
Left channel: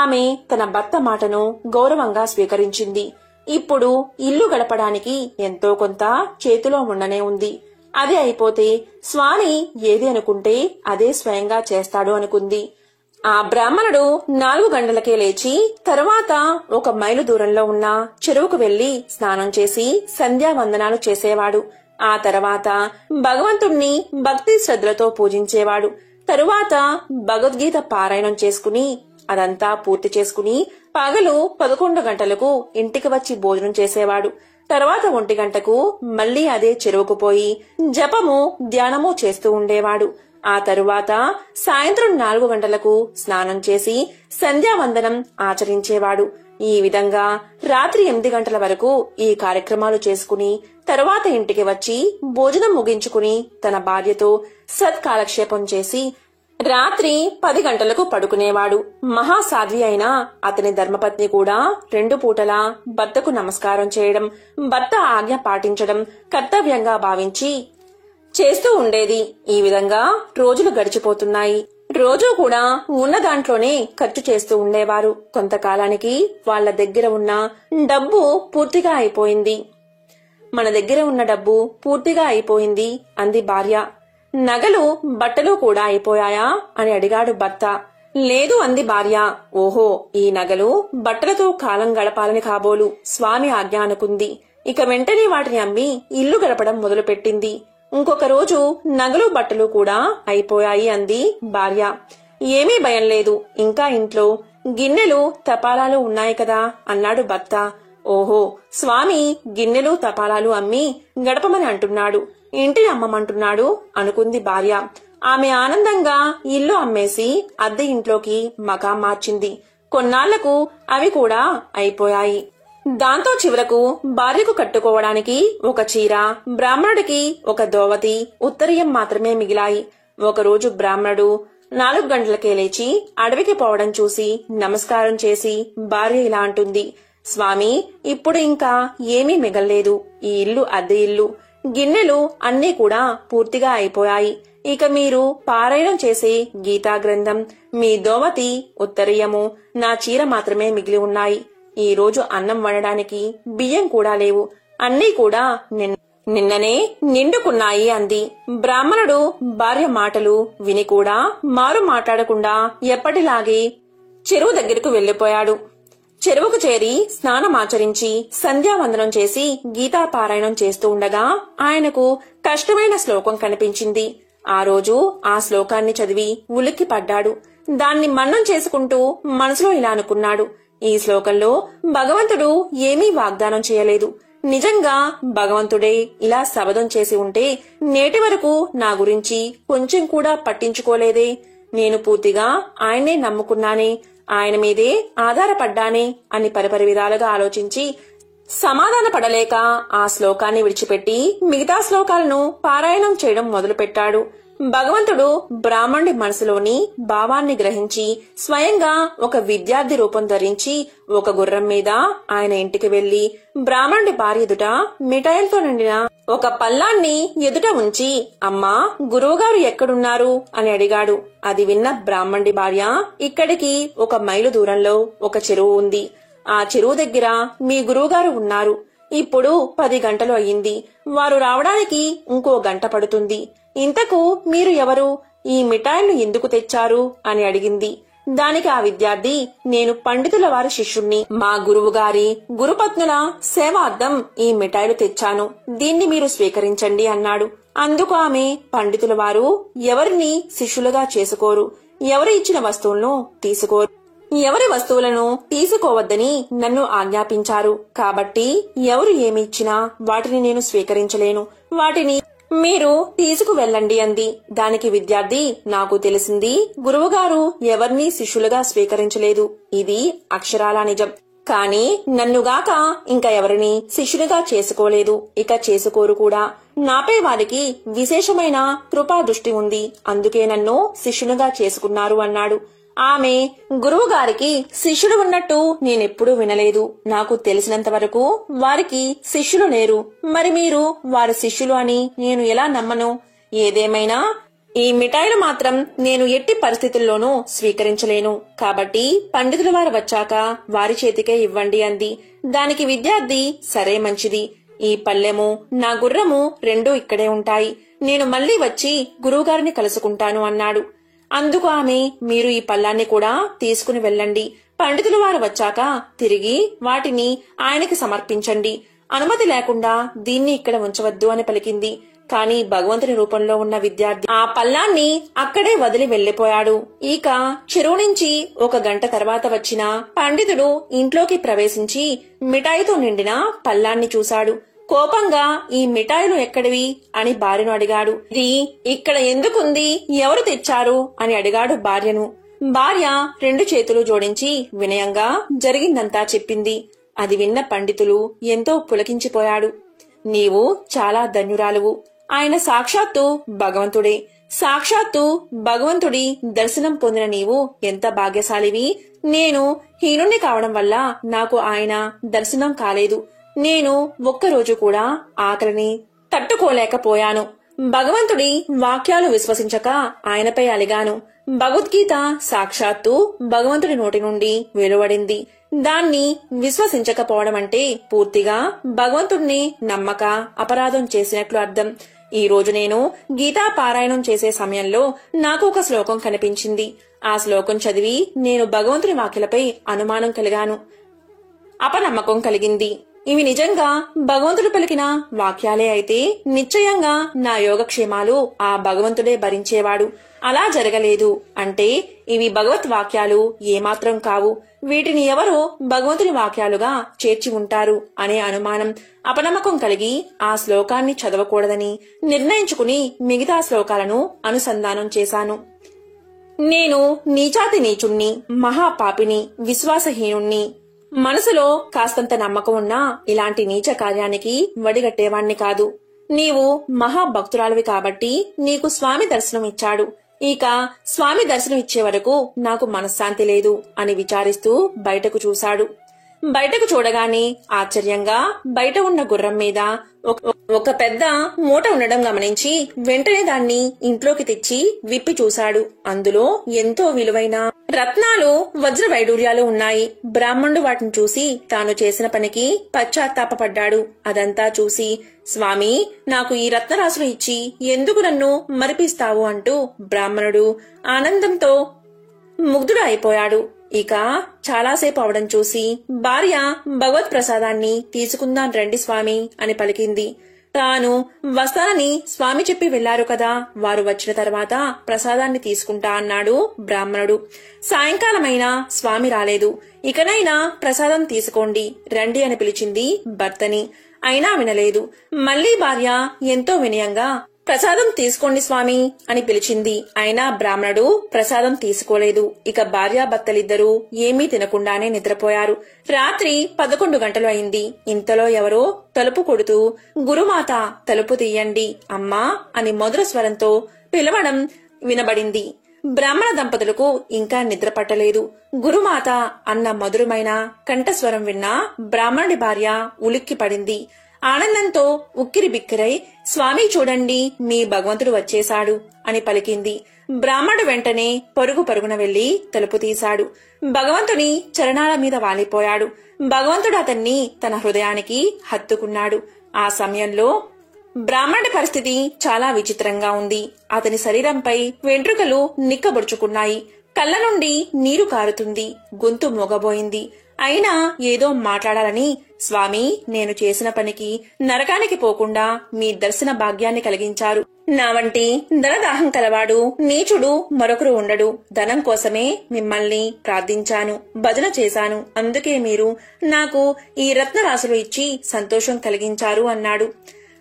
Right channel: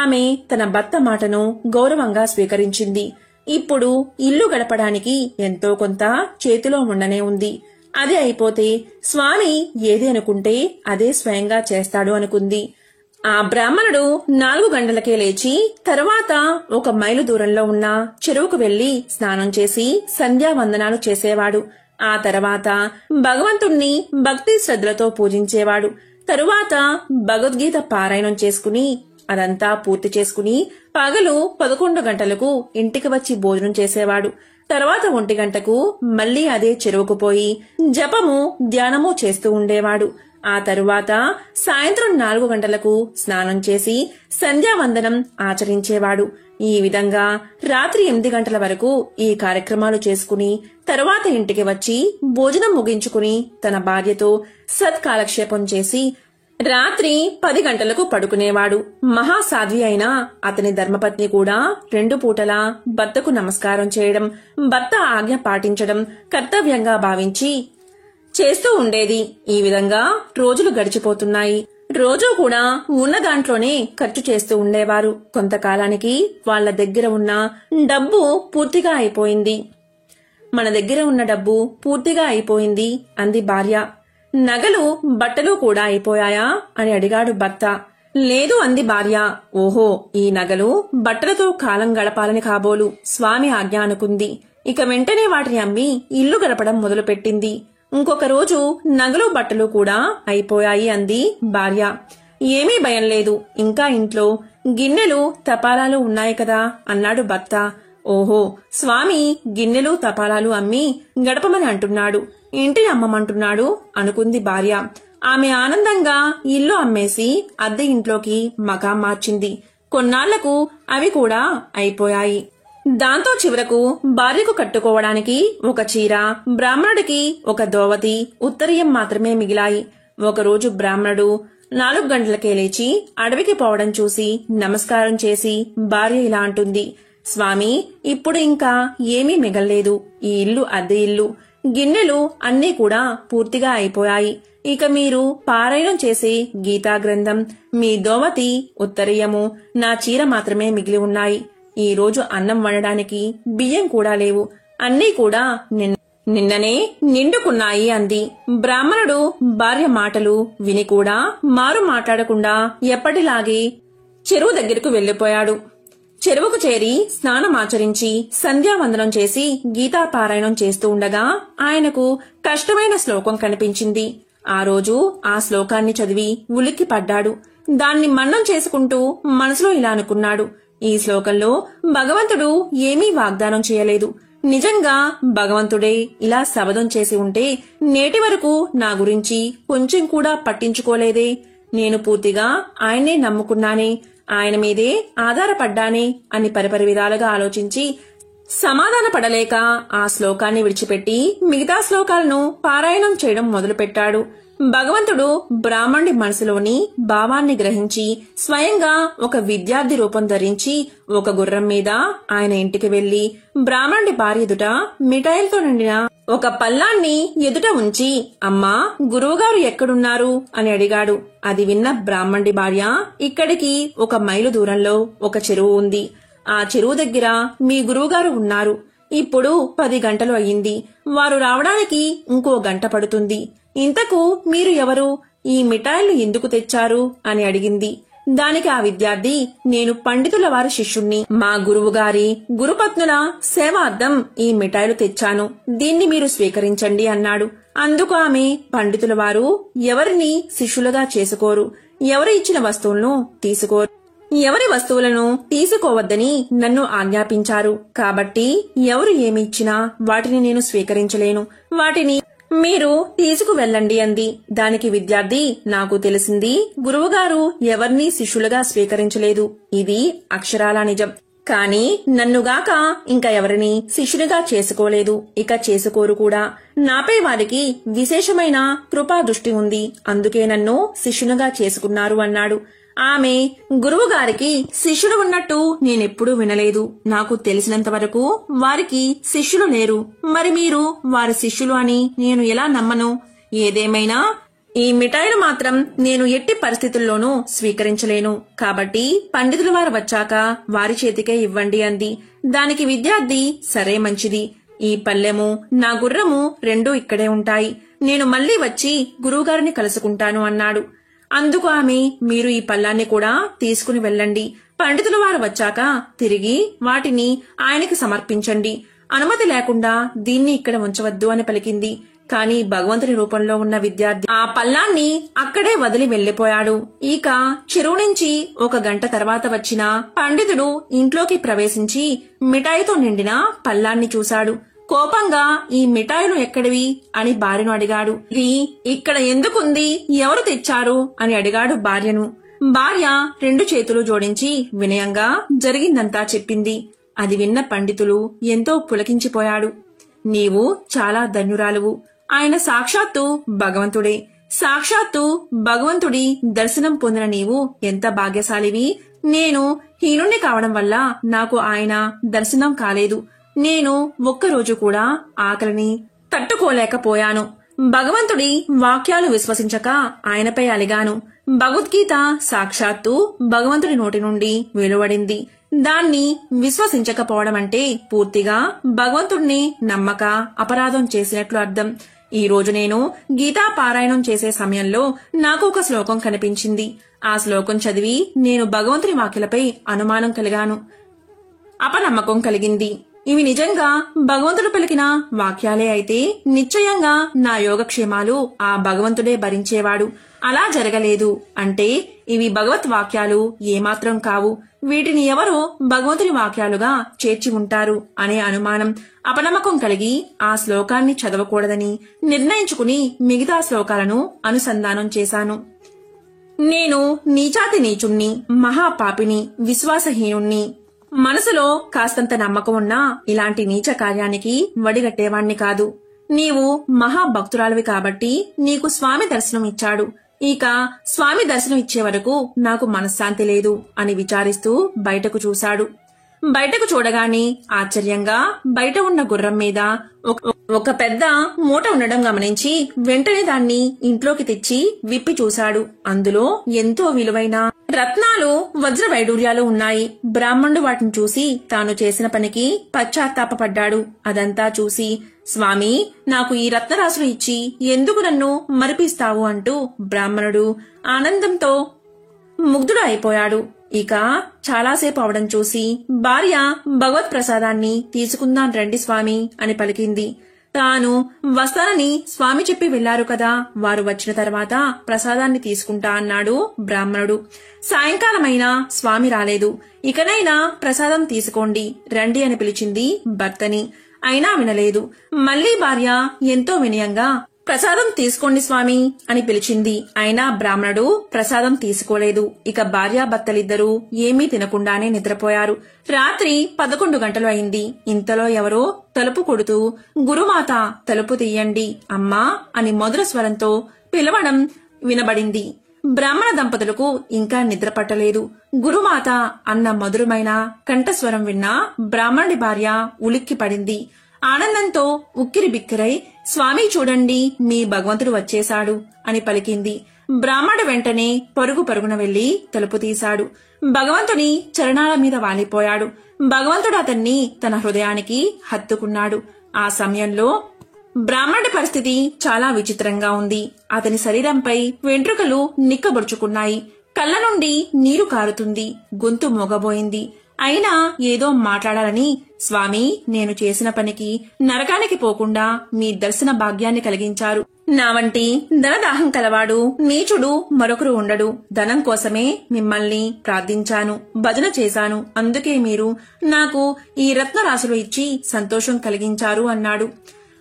ఆమె తన భర్త మాటను గౌరవంగా స్వీకరించింది. ఇప్పుడు ఇల్లు గడపడానికి ఎంతో కొంత చేతిలో ఉండనే ఉంది. అది అయిపోతే స్వామి ఏది అనుకుంటే అదే స్వయంగా చేస్తాడు అనుకుంది. ఆ బ్రాహ్మణుడు 4 గంటలకే లేచి తర్వాత 1 మైలు దూరంలో ఉన్న చెరువుకు వెళ్లి స్నానం చేసి సంధ్యావందనాలు చేసేవాడు. ఆ తర్వాత భగవంతుణ్ణి భక్తి శ్రద్ధలతో పూజించేవాడు. తరువాత భగవద్గీత పారాయణం చేసుకుని అదంతా పూర్తి చేసుకుని పగలు 11 గంటలకు ఇంటికి వచ్చి భోజనం చేసేవాడు. తర్వాత 1 గంటకు మళ్లీ అదే చెరువుకు పోయి జపము ధ్యానము చేస్తూ ఉండేవాడు. ఆ తరువాత సాయంత్రం 4 గంటలకు స్నానం చేసి సంధ్యావందనం ఆచరించేవాడు. ఈ విధంగా రాత్రి 8 గంటల వరకు ఈ కార్యక్రమాలు చేసుకుని తరువాత ఇంటికి వచ్చి భోజనం ముగించుకుని తన భార్యతో సత్కాలక్షేపం చేసి రాత్రి 10 గంటలకు పడుకునేవాడు. మహాసాధ్వి అయిన అతని ధర్మపత్ని కూడా 2 పూటలా భర్తకు నమస్కారం చేయడం, భర్త ఆజ్ఞ పాటించడం కర్తవ్యంగా భావించి చేస్తూ ఉండేది. ఈ విధంగా రోజులు గడిచిపోతున్నాయి. రోజూ కూడా ఉన్న దాంట్లోనే ఖర్చు చేస్తూ ఉండేవారు. కొంతకాలానికి వాళ్ల దగ్గర ఉన్న డబ్బు పూర్తిగా అయిపోయింది. మన దగ్గర ఉన్న డబ్బు పూర్తిగా అయిపోయింది అంది భార్య. నగలు బట్టలు కూడా అయిపోయాయా అని అడిగాడు భర్త. లేదు అంది భార్య. ఓహో, ఈ నగలు బట్టలతో కాలం గడపాలని కాబోలు స్వామి ఆజ్ఞ అనుకుంది. ఇక వెంటనే వాటిని అమ్మి ఇల్లు గడపడం మొదలుపెట్టింది. ఇంకొక రోజు నగలు బట్టలు కూడా అయిపోయాయి అంది భార్య. ఏమీ భయం లేదు, ఇంకా ఇంట్లో గిన్నెలు తపాలాలు ఉన్నాయి కదా అన్నాడు భర్త. ఓహో, స్వామి గిన్నెలు తపాలాలు అమ్మి గడపమని అంటున్నాడు, ఇంటిని అమ్మమంటున్నాడు అనుకుంది భార్య. ఆమె ఆనందంగా ఇల్లు అమ్మేసి అద్దె ఇంట్లోకి మకాం మార్చింది. కొన్నాళ్లకు అవి కూడా అయిపోయాయి. దాంతో చివరకు భార్యకు కట్టుకోవడానికి 1 చీర, బ్రాహ్మణుడికి 1 దోవతి, ఉత్తరీయం మాత్రమే మిగిలాయి. ఒకరోజు బ్రాహ్మణుడు 4 గంటలకే లేచి అడవికి పోవడం చూసి నమస్కారం చేసి భార్య ఇలా అంటుంది. స్వామి, ఇప్పుడు ఇంకా ఏమీ మిగల్లేదు. ఈ ఇల్లు అద్దె ఇల్లు, గిన్నెలు అన్నీ కూడా పూర్తిగా అయిపోయాయి. ఇక మీరు పారాయణం చేసే గీతా గ్రంథం, మీ దోవతి, ఉత్తరీయము, నా చీర మాత్రమే మిగిలి ఉన్నాయి. ఈ రోజు అన్నం వండడానికి బియ్యం కూడా లేవు. అన్నీ కూడా నిన్ననే నిండుకున్నాయి అంది. బ్రాహ్మణుడు భార్య మాటలు విని కూడా మారు మాట్లాడకుండా ఎప్పటిలాగే చెరువు దగ్గరకు వెళ్లిపోయాడు. చెరువుకు చేరి స్నానమాచరించి సంధ్యావందనం చేసి గీతా పారాయణం చేస్తూ ఉండగా ఆయనకు కష్టమైన శ్లోకం కనిపించింది. ఆ రోజు ఆ శ్లోకాన్ని చదివి ఉలిక్కి పడ్డాడు. దాన్ని మననం చేసుకుంటూ మనసులో ఇలా అనుకున్నాడు. ఈ శ్లోకంలో భగవంతుడు ఏమీ వాగ్దానం చేయలేదు. నిజంగా భగవంతుడే ఇలా శబదం చేసి ఉంటే నేటి వరకు నా గురించి కొంచెం కూడా పట్టించుకోలేదే. నేను పూర్తిగా ఆయన్నే నమ్ముకున్నానే, ఆయన మీదే ఆధారపడ్డానే అని పరిపరి విధాలుగా ఆలోచించి సమాధాన పడలేక ఆ శ్లోకాన్ని విడిచిపెట్టి మిగతా శ్లోకాలను పారాయణం చేయడం మొదలుపెట్టాడు. భగవంతుడు బ్రాహ్మణుడి మనసులోని భావాన్ని గ్రహించి స్వయంగా ఒక విద్యార్థి రూపం ధరించి 1 గుర్రం మీద ఆయన ఇంటికి వెళ్లి బ్రాహ్మణుడి భార్య ఎదుట మిఠాయిలతో నిండిన 1 పల్లాన్ని ఎదుట ఉంచి, అమ్మా, గురువుగారు ఎక్కడున్నారు అని అడిగాడు. అది విన్న బ్రాహ్మణుడి భార్య, ఇక్కడికి 1 మైలు దూరంలో ఒక చెరువు ఉంది. ఆ చెరువు దగ్గర మీ గురువుగారు ఉన్నారు. ఇప్పుడు 10 గంటలు అయ్యింది. వారు రావడానికి ఇంకో గంట పడుతుంది. ఇంతకు మీరు ఎవరు? ఈ మిఠాయిలు ఎందుకు తెచ్చారు అని అడిగింది. దానికి ఆ విద్యార్థి, నేను పండితుల వారి శిష్యుణ్ణి. మా గురువుగారి గురుపత్నుల సేవార్థం ఈ మిఠాయిలు తెచ్చాను. దీన్ని మీరు స్వీకరించండి అన్నాడు. అందుకు ఆమె, పండితుల వారు ఎవరిని శిష్యులుగా చేసుకోరు. ఎవరు ఇచ్చిన వస్తువులను తీసుకోరు. ఎవరి వస్తువులను తీసుకోవద్దని నన్ను ఆజ్ఞాపించారు. కాబట్టి ఎవరు ఏమి ఇచ్చినా వాటిని నేను స్వీకరించలేను. వాటిని మీరు తీసుకువెళ్ళండి అంది. దానికి విద్యార్థి, నాకు తెలిసింది, గురువుగారు ఎవరినీ శిష్యులుగా స్వీకరించలేదు. ఇది అక్షరాలా నిజం. కాని నన్నుగాక ఇంకా ఎవరిని శిష్యునిగా చేసుకోలేదు, ఇక చేసుకోరు కూడా. నాపై వారికి విశేషమైన కృపా దృష్టి ఉంది, అందుకే నన్ను శిష్యునిగా చేసుకున్నారు అన్నాడు. ఆమె గురువుగారికి శిష్యుడు ఉన్నట్టు నేనెప్పుడూ వినలేదు. నాకు తెలిసినంత వరకు వారికి శిష్యులు లేరు. మరి మీరు వారి శిష్యులు అని నేను ఎలా నమ్మను? ఏదేమైనా ఈ మిఠాయిలు మాత్రం నేను ఎట్టి పరిస్థితుల్లోనూ స్వీకరించలేను. కాబట్టి పండితుల వారు వచ్చాక వారి చేతికే ఇవ్వండి అంది. దానికి విద్యార్థి, సరే మంచిది. ఈ పల్లెము, నా గుర్రము రెండూ ఇక్కడే ఉంటాయి. నేను మళ్లీ వచ్చి గురువుగారిని కలుసుకుంటాను అన్నాడు. అందుకు ఆమె, మీరు ఈ పల్లాన్ని కూడా తీసుకుని వెళ్ళండి. పండితుల వారు వచ్చాక తిరిగి వాటిని ఆయనకి సమర్పించండి. అనుమతి లేకుండా దీన్ని ఇక్కడ ఉంచవద్దు అని పలికింది. కాని భగవంతుని రూపంలో ఉన్న విద్యార్థి ఆ పల్లాన్ని అక్కడే వదిలి వెళ్లిపోయాడు. ఇక చెరువు నుంచి 1 గంట తర్వాత వచ్చిన పండితుడు ఇంట్లోకి ప్రవేశించి మిఠాయితో నిండిన పల్లాన్ని చూశాడు. కోపంగా, ఈ మిఠాయిలు ఎక్కడివి అని భార్యను అడిగాడు. ఇది ఇక్కడ ఎందుకుంది, ఎవరు తెచ్చారు అని అడిగాడు భార్యను. భార్య 2 చేతులు జోడించి వినయంగా జరిగిందంతా చెప్పింది. అది విన్న పండితులు ఎంతో పులకించిపోయాడు. నీవు చాలా ధన్యురాలువు. ఆయన సాక్షాత్తు భగవంతుడే. సాక్షాత్తు భగవంతుడి దర్శనం పొందిన నీవు ఎంత భాగ్యశాలివి. నేను హీనుణ్ణి కావడం వల్ల నాకు ఆయన దర్శనం కాలేదు. నేను ఒక్కరోజు కూడా ఆకలిని తట్టుకోలేకపోయాను. భగవంతుడి వాక్యాలు విశ్వసించక ఆయనపై అలిగాను. భగవద్గీత సాక్షాత్తు భగవంతుడి నోటి నుండి వెలువడింది. దాన్ని విశ్వసించకపోవడం అంటే పూర్తిగా భగవంతుడిని నమ్మక అపరాధం చేసినట్లు అర్థం. ఈ రోజు నేను గీతా పారాయణం చేసే సమయంలో నాకు ఒక శ్లోకం కనిపించింది. ఆ శ్లోకం చదివి నేను భగవంతుని వాక్యలపై అనుమానం కలిగాను, అపనమ్మకం కలిగింది. ఇవి నిజంగా భగవంతుడు పలికిన వాక్యాలే అయితే నిశ్చయంగా నా యోగక్షేమాలు ఆ భగవంతుడే భరించేవాడు. అలా జరగలేదు అంటే ఇవి భగవత్ వాక్యాలు ఏమాత్రం కావు. వీటిని ఎవరో భగవంతుని వాక్యాలుగా చేర్చి ఉంటారు అనే అనుమానం, అపనమ్మకం కలిగి ఆ శ్లోకాన్ని చదవకూడదని నిర్ణయించుకుని మిగతా శ్లోకాలను అనుసంధానం చేశాను. నేను నీచాతి నీచుణ్ణి, మహాపాపిని, విశ్వాసహీనుణ్ణి. మనసులో కాస్తంత నమ్మకం ఉన్నా ఇలాంటి నీచ కార్యానికి వడిగట్టేవాణ్ణి కాదు. నీవు మహాభక్తురాలివి కాబట్టి నీకు స్వామి దర్శనం ఇచ్చాడు. ఇక స్వామి దర్శనం ఇచ్చే వరకు నాకు మనశ్శాంతి లేదు అని విచారిస్తూ బయటకు చూశాడు. బయటకు చూడగానే ఆశ్చర్యంగా బయట ఉన్న గుర్రం మీద ఒక పెద్ద మూట ఉండడం గమనించి వెంటనే దాన్ని ఇంట్లోకి తెచ్చి విప్పి చూశాడు. అందులో ఎంతో విలువైన రత్నాలు, వజ్ర వైడూర్యాలు ఉన్నాయి. బ్రాహ్మణుడు వాటిని చూసి తాను చేసిన పనికి పశ్చాత్తాపపడ్డాడు. అదంతా చూసి, స్వామి, నాకు ఈ రత్నరాశులు ఇచ్చి ఎందుకు నన్ను మరిపిస్తావు అంటూ బ్రాహ్మణుడు ఆనందంతో ముగ్ధుడు అయిపోయాడు. ఇక చాలాసేపు అవడం చూసి భార్య భగవత్ ప్రసాదాన్ని తీసుకుందాం రండి స్వామి అని పలికింది. తాను వస్తానని స్వామి చెప్పి వెళ్లారు కదా, వారు వచ్చిన తర్వాత ప్రసాదాన్ని తీసుకుంటా అన్నాడు బ్రాహ్మణుడు. సాయంకాలమైనా స్వామి రాలేదు. ఇకనైనా ప్రసాదం తీసుకోండి రండి అని పిలిచింది భర్తని. అయినా వినలేదు. మళ్లీ భార్య ఎంతో వినయంగా ప్రసాదం తీసుకోండి స్వామి అని పిలిచింది. అయినా బ్రాహ్మణుడు ప్రసాదం తీసుకోలేదు. ఇక భార్యాభర్తలిద్దరూ ఏమీ తినకుండానే నిద్రపోయారు. రాత్రి 11 గంటలు అయింది. ఇంతలో ఎవరో తలుపు కొడుతూ, గురుమాత తలుపు తీయండి అమ్మా అని మధుర స్వరంతో పిలవడం వినబడింది. బ్రాహ్మణ దంపతులకు ఇంకా నిద్ర పట్టలేదు. గురుమాత అన్న మధురమైన కంఠస్వరం విన్న బ్రాహ్మణుడి భార్య ఉలిక్కి పడింది. ఆనందంతో ఉక్కిరి బిక్కిరై, స్వామి చూడండి, మీ భగవంతుడు వచ్చేశాడు అని పలికింది. బ్రాహ్మణుడు వెంటనే పరుగు పరుగున వెళ్లి తలుపు తీశాడు. భగవంతుని చరణాల మీద వాలిపోయాడు. భగవంతుడు అతన్ని తన హృదయానికి హత్తుకున్నాడు. ఆ సమయంలో బ్రాహ్మణుడి పరిస్థితి చాలా విచిత్రంగా ఉంది. అతని శరీరంపై వెంట్రుకలు నిక్కబొడుచుకున్నాయి. కళ్ళ నుండి నీరు కారుతుంది. గొంతు మోగబోయింది. అయినా ఏదో మాట్లాడాలని, స్వామి, నేను చేసిన పనికి నరకానికి పోకుండా మీ దర్శన భాగ్యాన్ని కలిగించారు. నా వంటి ధనదాహం కలవాడు నీచుడు మరొకరు ఉండడు. ధనం కోసమే మిమ్మల్ని ప్రార్థించాను, భజన చేశాను. అందుకే మీరు నాకు ఈ రత్నరాశులు ఇచ్చి సంతోషం కలిగించారు అన్నాడు.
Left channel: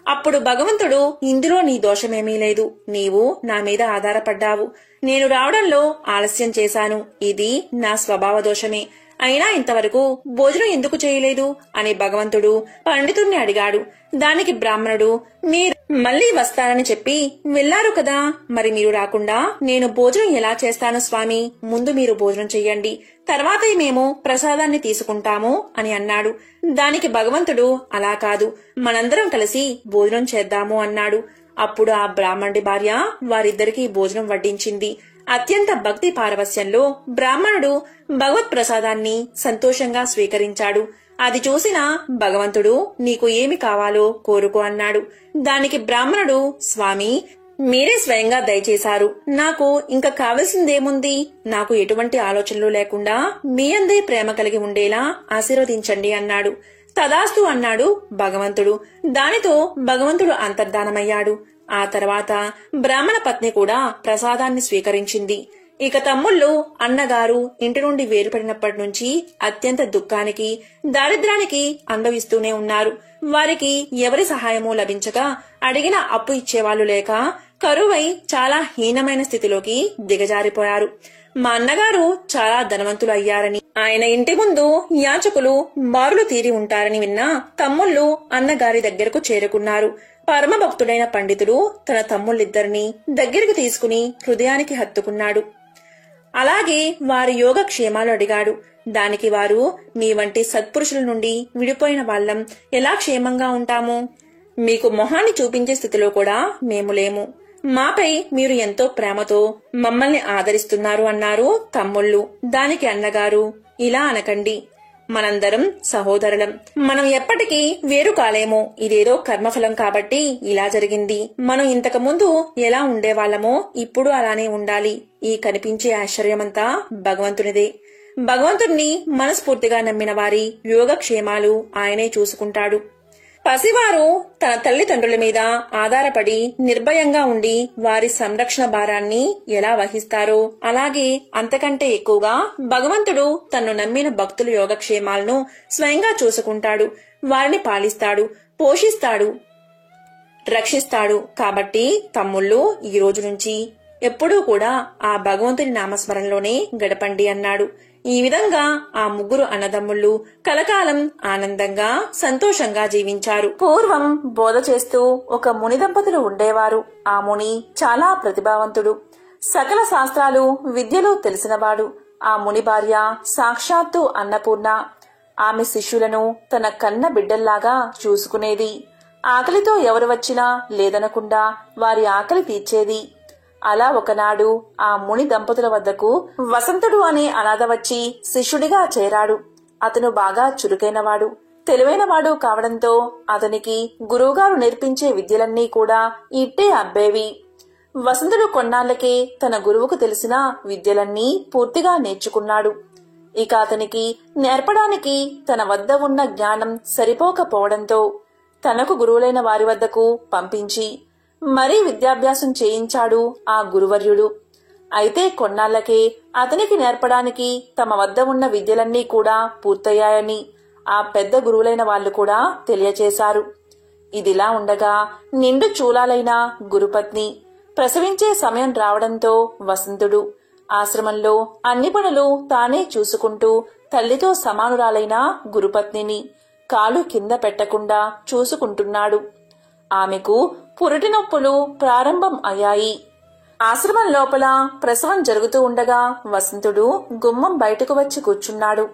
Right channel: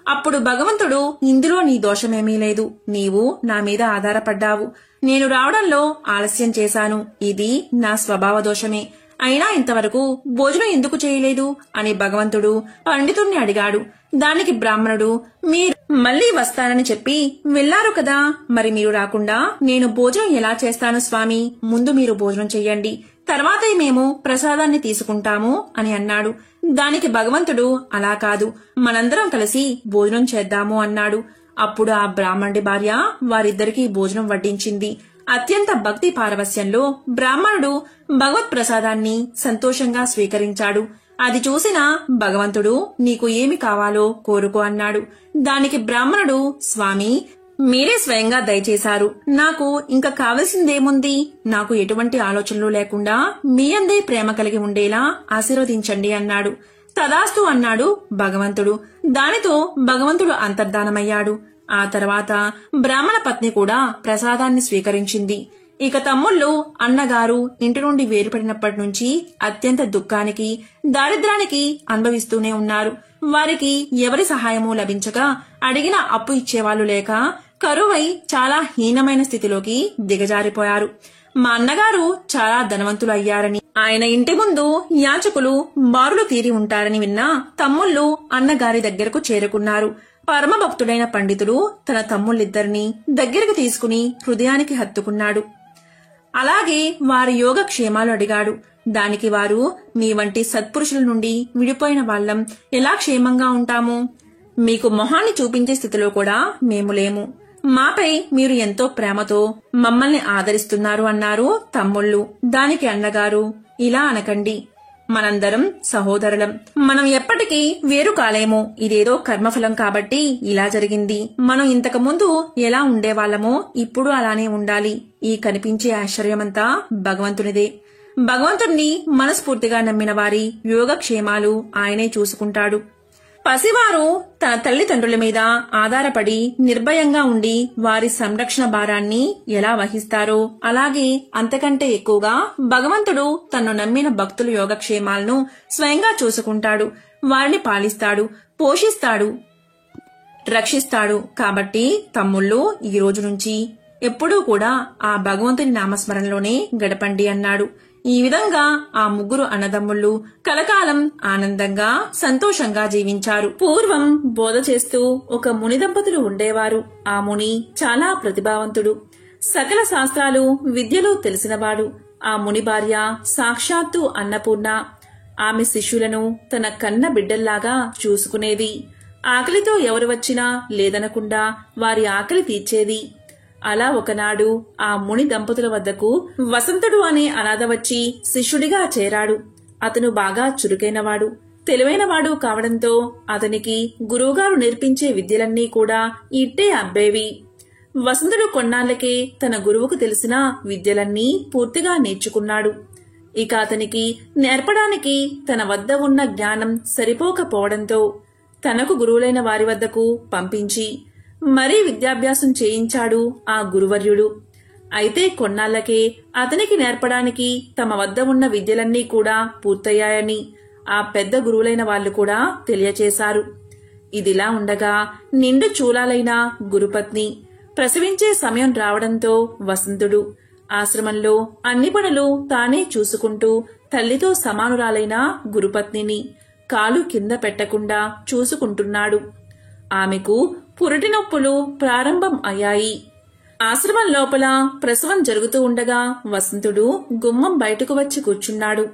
అప్పుడు భగవంతుడు, ఇందులో నీ దోషమేమీ లేదు. నీవు నా మీద ఆధారపడ్డావు. నేను రావడంలో ఆలస్యం చేశాను. ఇది నా స్వభావ దోషమే. అయినా ఇంతవరకు భోజనం ఎందుకు చేయలేదు అని భగవంతుడు పండితుణ్ణి అడిగాడు. దానికి బ్రాహ్మణుడు, మీరు మళ్లీ వస్తానని చెప్పి వెళ్లారు కదా, మరి మీరు రాకుండా నేను భోజనం ఎలా చేస్తాను స్వామి, ముందు మీరు భోజనం చెయ్యండి, తర్వాతే మేము ప్రసాదాన్ని తీసుకుంటాము అని అన్నాడు. దానికి భగవంతుడు, అలా కాదు, మనందరం కలిసి భోజనం చేద్దాము అన్నాడు. అప్పుడు ఆ బ్రాహ్మణుడి భార్య వారిద్దరికీ భోజనం వడ్డించింది. అత్యంత భక్తి పారవస్యంలో బ్రాహ్మణుడు భగవత్ ప్రసాదాన్ని సంతోషంగా స్వీకరించాడు. అది చూసిన భగవంతుడు, నీకు ఏమి కావాలో కోరుకో అన్నాడు. దానికి బ్రాహ్మణుడు, స్వామి, మీరే స్వయంగా దయచేశారు, నాకు ఇంకా కావలసిందేముంది, నాకు ఎటువంటి ఆలోచనలు లేకుండా మీ అందే ప్రేమ కలిగి ఉండేలా ఆశీర్వదించండి అన్నాడు. తదాస్తు అన్నాడు భగవంతుడు. దానితో భగవంతుడు అంతర్ధానమయ్యాడు. ఆ తర్వాత బ్రాహ్మణ పత్ని కూడా ప్రసాదాన్ని స్వీకరించింది. ఇక తమ్ముళ్ళు, అన్నగారు ఇంటి నుండి వేరుపడినప్పటి నుంచి అత్యంత దుఃఖానికి, దారిద్ర్యానికి అనుభవిస్తూనే ఉన్నారు. వారికి ఎవరి సహాయమూ లభించక, అడిగిన అప్పు ఇచ్చేవాళ్లు లేక, కరువై చాలా హీనమైన స్థితిలోకి దిగజారిపోయారు. మా అన్నగారు చాలా ధనవంతులు అయ్యారని, ఆయన ఇంటి ముందు యాచకులు బారులు తీరి ఉంటారని విన్న తమ్ముళ్ళు అన్నగారి దగ్గరకు చేరుకున్నారు. పరమభక్తుడైన పండితుడు తన తమ్ముళ్ళిద్దరినీ దగ్గరకు తీసుకుని హృదయానికి హత్తుకున్నాడు. అలాగే వారి యోగక్షేమాలు అడిగాడు. దానికి వారు, మీ వంటి సత్పురుషుల నుండి విడిపోయిన వాళ్ళం ఎలా క్షేమంగా ఉంటాము, మీకు మొహాన్ని చూపించే స్థితిలో కూడా మేము లేము, మాపై మీరు ఎంతో ప్రేమతో మమ్మల్ని ఆదరిస్తున్నారు అన్నారు తమ్ముళ్ళు. దానికి అన్నగారు, ఇలా అనకండి, మనందరం సహోదరులం, మనం ఎప్పటికీ వేరు కాలేము, ఇదేదో కర్మఫలం కాబట్టి ఇలా జరిగింది, మనం ఇంతకు ముందు ఎలా ఉండేవాళ్లమో ఇప్పుడు అలానే ఉండాలి, ఈ కనిపించే ఆశ్చర్యమంతా భగవంతునిదే, భగవంతుణ్ణి మనస్ఫూర్తిగా నమ్మిన వారి యోగక్షేమాలు ఆయనే చూసుకుంటాడు. పసివారు తన తల్లిదండ్రుల మీద ఆధారపడి నిర్భయంగా ఉండి వారి సంరక్షణ భారాన్ని ఎలా వహిస్తారో, అలాగే అంతకంటే ఎక్కువగా భగవంతుడు తన్ను నమ్మిన భక్తుల యోగక్షేమాలను స్వయంగా చూసుకుంటాడు, వారిని పాలిస్తాడు, పోషిస్తాడు, రక్షిస్తాడు. కాబట్టి తమ్ముళ్ళు, ఈ రోజు నుంచి ఎప్పుడూ కూడా ఆ భగవంతుని నామస్మరణలోనే గడపండి అన్నాడు. ఈ విధంగా ఆ ముగ్గురు అన్నదమ్ముళ్ళు కలకాలం ఆనందంగా సంతోషంగా జీవించారు. పూర్వం బోధ చేస్తూ ఒక ముని దంపతులు ఉండేవారు. ఆ ముని చాలా ప్రతిభావంతుడు, సకల శాస్త్రాలు విద్యలు తెలిసినవాడు. ఆ ముని భార్య సాక్షాత్తు అన్నపూర్ణ. ఆమె శిష్యులను తన కన్న బిడ్డల్లాగా చూసుకునేది. ఆకలితో ఎవరు వచ్చినా లేదనకుండా వారి ఆకలి తీర్చేది. అలా ఒకనాడు ఆ ముని దంపతుల వద్దకు వసంతుడు అనే అనాథ వచ్చి శిష్యుడిగా చేరాడు. అతను బాగా చురుకైనవాడు, తెలివైనవాడు కావడంతో అతనికి గురువుగారు నేర్పించే విద్యలన్నీ కూడా ఇట్టే అబ్బేవి. వసంతుడు కొన్నాళ్లకే తన గురువుకు తెలిసిన విద్యలన్నీ పూర్తిగా నేర్చుకున్నాడు. ఇక అతనికి నేర్పడానికి తన వద్ద ఉన్న జ్ఞానం సరిపోకపోవడంతో తనకు గురువులైన వారి వద్దకు పంపించి మరీ విద్యాభ్యాసం చేయించాడు ఆ గురువర్యుడు. అయితే కొన్నాళ్లకే అతనికి నేర్పడానికి తమ వద్ద ఉన్న విద్యలన్నీ కూడా పూర్తయ్యాయని ఆ పెద్ద గురువులైన వాళ్లు కూడా తెలియచేశారు. ఇదిలా ఉండగా నిండు చూలాలైన గురుపత్ని ప్రసవించే సమయం రావడంతో వసంతుడు ఆశ్రమంలో అన్ని పనులు తానే చూసుకుంటూ తల్లితో సమానురాలైన గురుపత్నిని కాలు కింద పెట్టకుండా చూసుకుంటున్నాడు. ఆమెకు పురిటి నొప్పులు ప్రారంభం అయ్యాయి. ఆశ్రమం లోపల ప్రసవం జరుగుతూ ఉండగా వసంతుడు గుమ్మం బయటకు వచ్చి కూర్చున్నాడు.